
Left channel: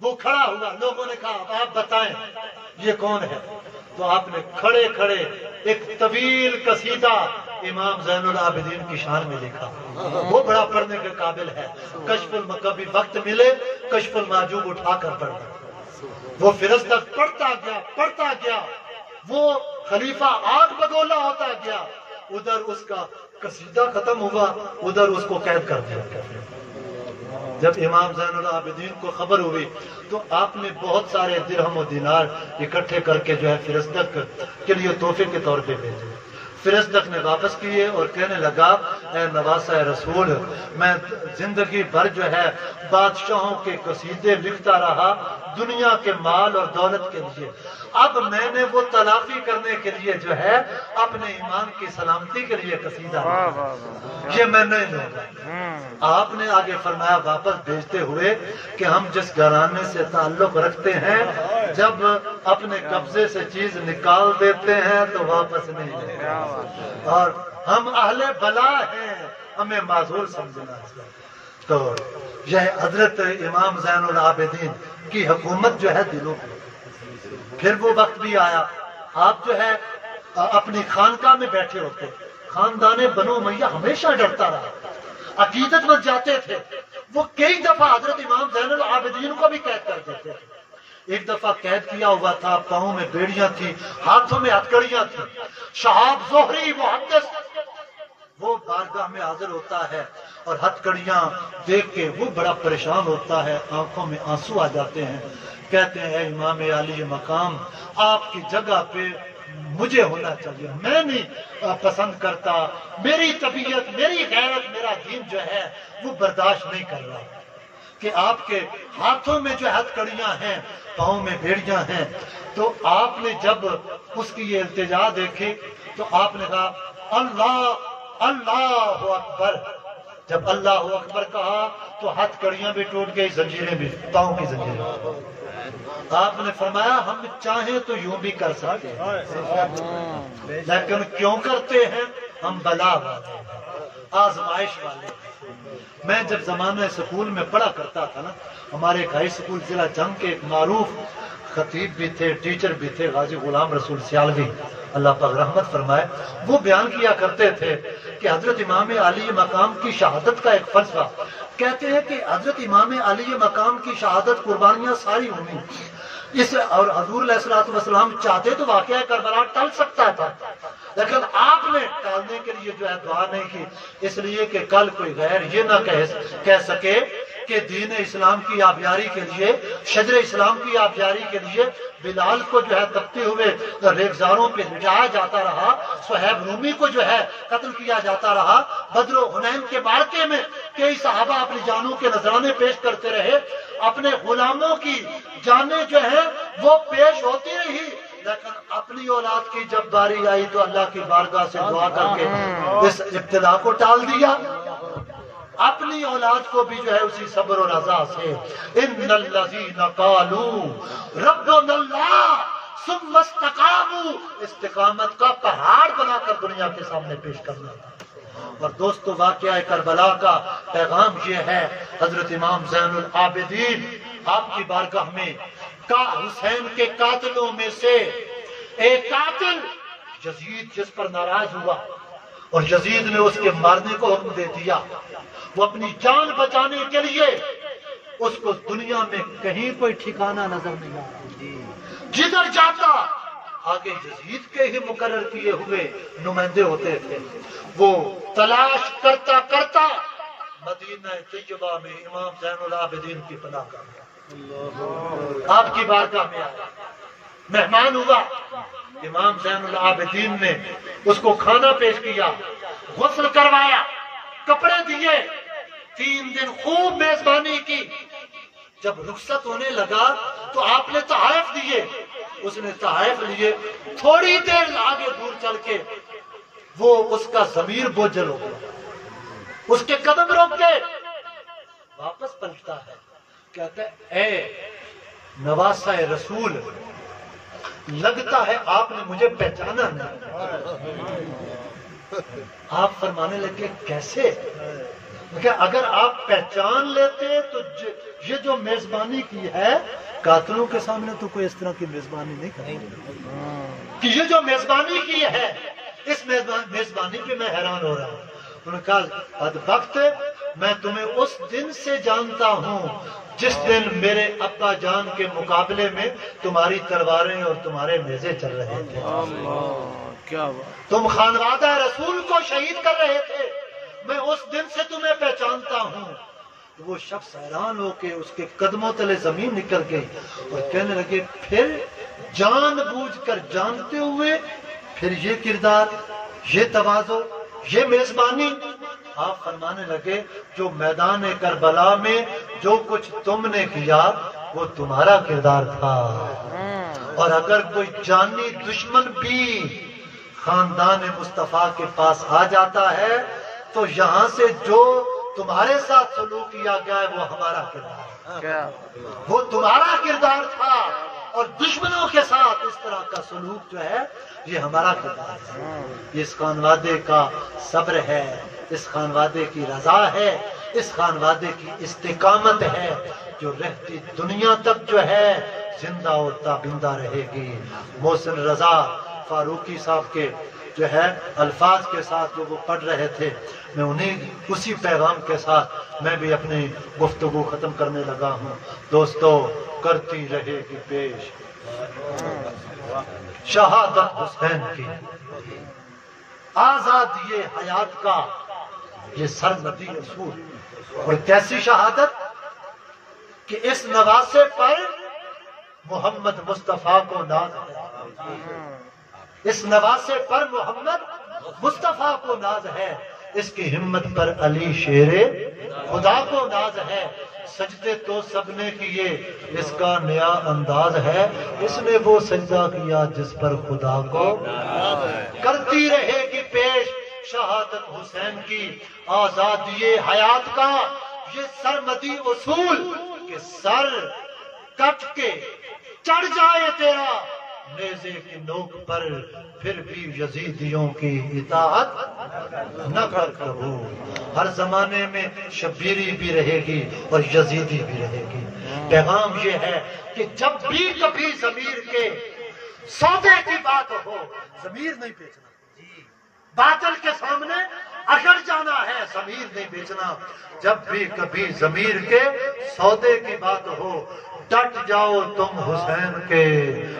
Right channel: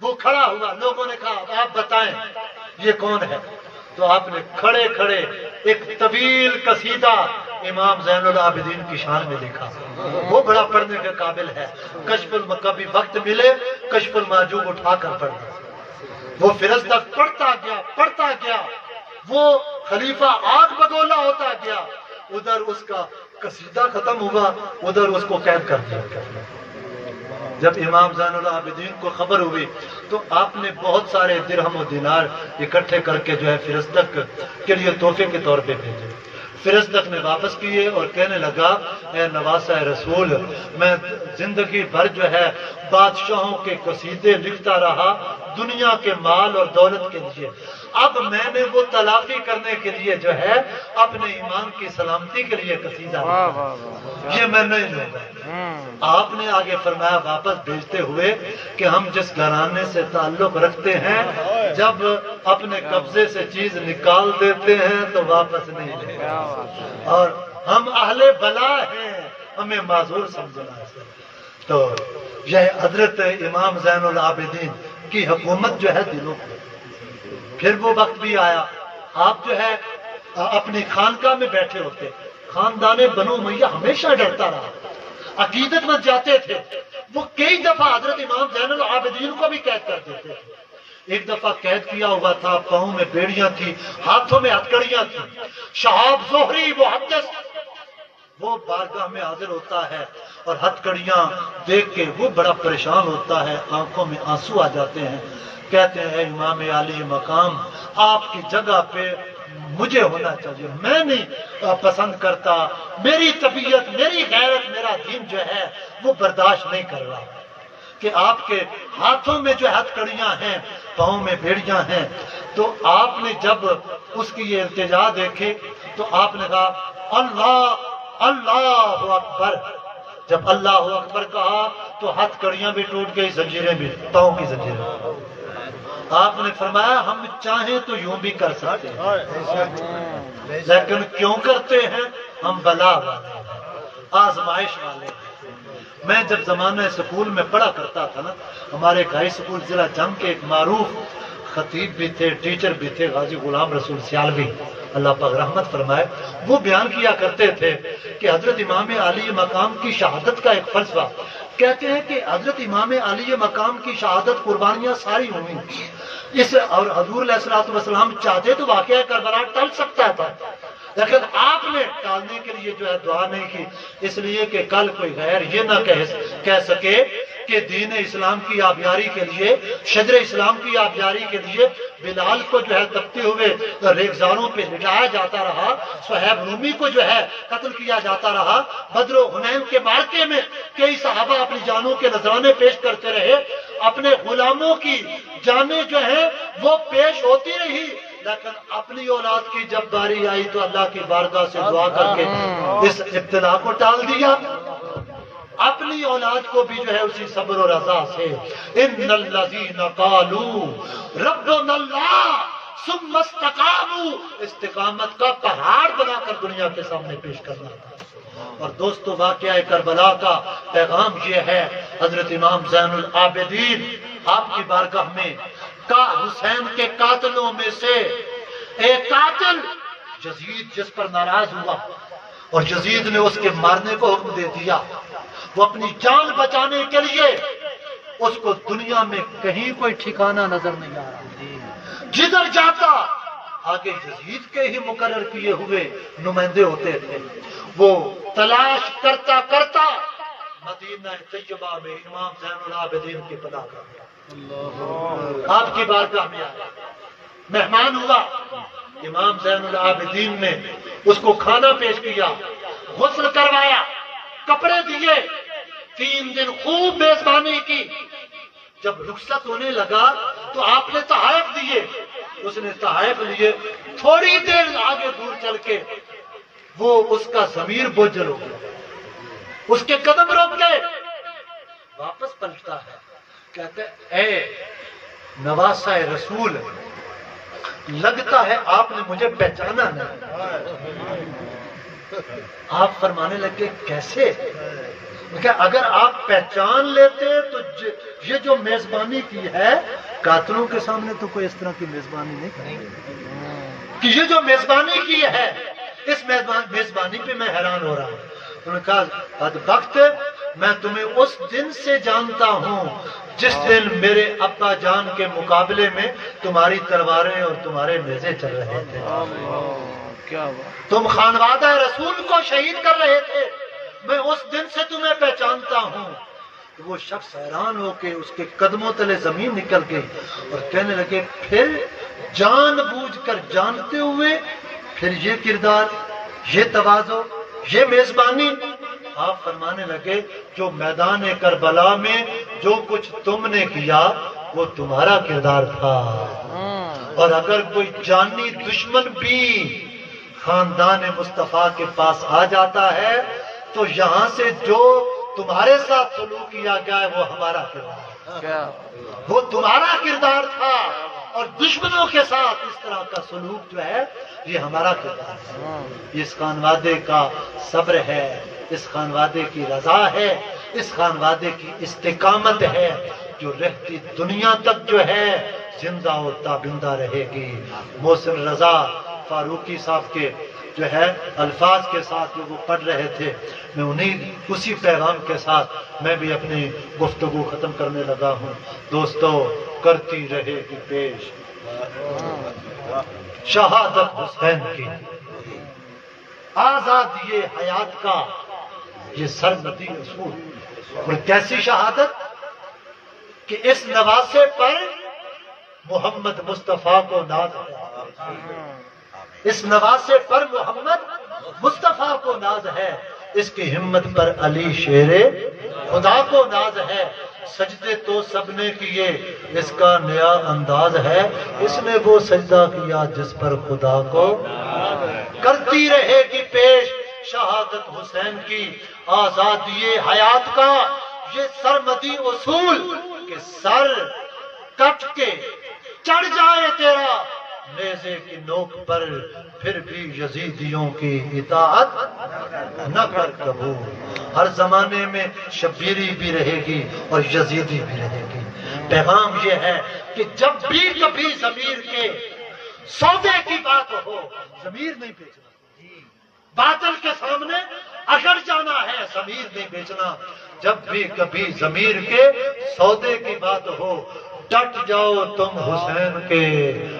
وہ کھڑا ہوا، لوگوں نے کہا آپ بتائیں یہ کون ہے، تو آپ نے کھڑے کھڑے ایک طویل قصیدہ امام زین العابدین کی شان میں لکھا، وہ بڑا پڑھنے کے قابل ہے۔ کشف کبھی وقت ملے کشف المحجوب اٹھا کر پڑھنا، وہ فرزدق پڑھتا گیا، وہ خلیفہ آگ بگولا ہوتا گیا، ادھر اس کا قصیدہ ختم ہوا، ادھر اس کو قید کر دیا گیا۔ جب امام زین العابدین کو خبر ہوئی تو آپ نے بہت سارے درہم و دینار اکٹھے کر کے جو ہے فرزدق کے لیے تحفے کے طور پہ بھیجے۔ فرزدق نے واپس کیے اور کہنے لگا اے نواسہ رسول، میں زندگی بھر جو ہے بادشاہوں کے قصیدے لکھتا رہا دنیا کے مال اور دولت کے لیے، اب میں نے وہ تلافی کرنے کے لیے جو ہے اپنے ایمان کی سلامتی کے لیے قصیدہ یہ میں نہیں لوں گا۔ آپ نے آگے فرمایا واپس بھیجتے ہوئے کہ ہم جس گھرانے سے تعلق رکھتے ہیں جب اپنے قبضے سے چیز نکال دیتے ہیں تو واپس نہیں لیں، اور ہم اہل بلا ہیں، ہمیں معذور سمجھنا ہے۔ تو یہ حضرت امام زین العابدین کی حکومت جو ہے دلوں پہ۔ پھر وہ وقت بھی آیا، آپ جو ہے اپنی خانقاہ میں بیٹھے ہوتے، خاندان بنو امیہ ہمیشہ ڈرتا رہا، عقیدت مند جاتے تھے، وہ کئی دفعہ حضرت امام زین العابدین کو بھی قید کر دیتے تھے۔ ایک دفعہ قید کیا ہوا تھا، پاؤں میں بیڑیاں تھیں، ہاتھوں میں ہتکڑیاں تھیں، شہاب زہری محدث وہ بارگاہ میں حاضر ہوتا ہے اور ہتکڑیاں دیکھ کے وہ بڑا پریشان ہوتا ہے، آنکھوں میں آنسو آ جاتے ہیں، کہتے ہیں امام عالی مقام آپ کی جگہ پہ مجھے ہونا چاہیے، میں نہیں پسند کرتا، میری طبیعت، میری غیرت، میرا دین جو ہے وہ برداشت نہیں کر رہا کہ آپ کے ہاتھوں میں جو ہتکڑیاں ہیں، پاؤں میں بیڑیاں ہیں۔ تو آپ نے جب اس کی یہ التجا دیکھی تو آپ نے کہا اللہ اللہ اکبر، جب اللہ اکبر کہا تو ہتکڑیاں بھی ٹوٹ گئی، زنجیریں بھی، پاؤں کی زنجیریں۔ آپ نے فرمایا ہم چاہیں تو یوں بھی کر سکتے ہیں لیکن کیوں کرتے ہیں، ہم بلا والے ہیں، آزمائش والے ہیں۔ میں جب زمانہ سکول میں پڑھا کرتا تھا نا، ہمارے ایک ہائی سکول ضلع جنگ کے ایک معروف خطیب بھی تھے، ٹیچر بھی تھے، غازی غلام رسول سیالوی اللہ پاک رحمت فرمائے، وہ بیان کیا کرتے تھے کہ حضرت امام علی مقام کی شہادت کا ایک فلسفہ، کہتے ہیں کہ حضرت امام علی مقام کی شہادت قربانیاں ساری ہوئی اس، اور حضور علیہ الصلوۃ والسلام چاہتے تو واقعہ کربلا ٹل سکتا تھا، لیکن آپ نے ٹالنے کے لیے جو ہے دعا نہیں کی، اس لیے کہ کل کوئی غیر یہ نہ کہہ سکے کہ دین اسلام کی آبیاری کے لیے، شجر اسلام کی آبیاری کے لیے بلال کو جو ہے تپتے ہوئے ریگزاروں پہ لٹایا جاتا رہا، صہیب رومی کو جو ہے قتل کیا جاتا رہا، بدر و حنین کے معرکے میں کئی صحابہ اپنی جانوں کے نذرانے پیش کرتے رہے، اپنے غلاموں کی جانیں جو ہیں وہ پیش ہوتی رہی، لیکن اپنی اولاد کی جب باری آئی تو اللہ کی بارگاہ سے دعا کر کے اس ابتلا کو ٹال دیا۔ اپنی اولاد کو بھی جو ہے اسی صبر و رضا سے ان الذین قالوا ربنا اللہ ثم استقاموا، استقامت کا پہاڑ بنا کر دنیا کے سامنے پیش کرنا تھا۔ اور دوستو واقعہ کربلا کا پیغام یہ ہے، حضرت امام زین العابدین آپ کی بارگاہ میں حسین کے قاتلوں میں سے ایک قاتل یزید جس پر ناراض ہوا اور یزید نے اس کے مارنے کو حکم دے دیا، وہ اپنی جان بچانے کے لیے اس کو دنیا میں کہیں کوئی ٹھکانہ نظر نہیں آ رہا، جدھر جاتا آگے یزید کے ہی مقرر کیے ہوئے نمائندے ہوتے تھے، وہ تلاش کرتا کرتا مدینہ طیبہ میں امام زین العابدین کی پناہ کر گیا، آپ کی بارگاہ میں آیا، مہمان ہوا، امام زین العابدین نے اس کو کھانا پیش کیا، غسل کروایا، کپڑے دیے، 3 دن خوب میزبانی کی، جب رخصت ہونے لگا تو آپ نے تحائف دیے، اس نے تحائف لیے، تھوڑی دیر آگے دور چل کے وہ اس کا ضمیر بوجھل ہو گیا، اس کے قدم روک گئے، واپس پلٹتا ہے، کہتے اے نواسہ رسول، لگتا ہے آپ نے مجھے پہچانا نہیں۔ آپ فرمانے لگے کیسے؟ کہ اگر آپ پہچان لیتے تو یہ جو میزبانی کی ہے قاتلوں کے سامنے تو کوئی اس طرح کی میزبانی نہیں کرے، کہ یہ جو میزبانی کی ہے اس میزبانی پہ میں حیران ہو رہا ہوں۔ انہوں نے کہا اد وقت میں تمہیں اس دن سے جانتا ہوں جس دن میرے ابا جان کے مقابلے میں تمہاری تلواریں اور تمہارے نیزے چل رہے تھے، کیا بات، تم خانوادہ رسول کو شہید کر رہے تھے، میں اس دن سے تمہیں پہچانتا ہوں۔ تو وہ شخص حیران ہو کے اس کے قدموں تلے زمین نکل گئی اور کہنے لگے پھر جان بوجھ کر جانتے ہوئے پھر یہ کردار، یہ تواضع، یہ میزبانی؟ آپ فرمانے لگے جو میدان کربلا میں جو کچھ تم نے کیا وہ تمہارا کردار تھا، اور اگر کوئی جانی دشمن بھی خاندان مصطفیٰ کے پاس آ جاتا ہے تو یہاں سے جو تمہارے ساتھ سلوک کیا گیا ہے وہ ہمارا کردار ہے، وہ تمہارا کردار تھا، اور دشمنوں کے ساتھ اس طرح کا سلوک جو ہے یہ ہمارا کردار ہے۔ اس خانوادے کا صبر ہے، اس خانوادے کی رضا ہے، اس خانوادے کی استقامت ہے جو رہتی دنیا تک جو ہے زندہ و تابندہ رہے گی۔ محسن رضا فاروقی صاحب کے جو ہے الفاظ کے ساتھ جو وہ پڑھ رہے تھے، میں اسی پیغام کے ساتھ میں بھی اپنی گفتگو ختم کرنے لگا ہوں۔ دوستو کرتی رہے گی پیش شہادت حسین کی، آزادی حیات کا یہ سرمدی اصول، اور کیسی شہادت کہ اس نواسے پر محمد مصطفیٰ کو ناز ہے، اس نواسے پر محمد مصطفیٰ کو ناز ہے، اس کی ہمت پر علی شیر خدا کو ناز ہے، سجدے تو سب نے کیے اس کا نیا انداز ہے، اس نے وہ سجدہ کیا جس پر خدا کو کرتی رہے گی پیش شہادت حسین کی، آزادی حیات کا یہ سرمدی اصول کہ سر کٹ کے چڑھ جائے تیرا نیزے کی نوک پر پھر بھی یزیدیوں کی اطاعت نہ کر کبو۔ ہر زمانے میں شبیری بھی رہے گی اور یزیدی بھی رہے گی۔ پیغام یہ ہے کہ جب بھی کبھی ضمیر کے سودے کی بات ہو، ضمیر نہیں بیچنا، باطل کے سامنے اکڑ جانا ہے، ضمیر نہیں بیچنا۔ جب بھی کبھی ضمیر کے سودے کی بات ہو ڈٹ جاؤ تم حسین کے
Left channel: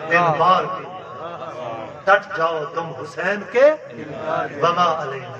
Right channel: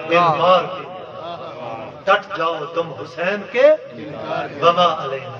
انکار کی، ڈٹ جاؤ تم حسین کے وما علینا۔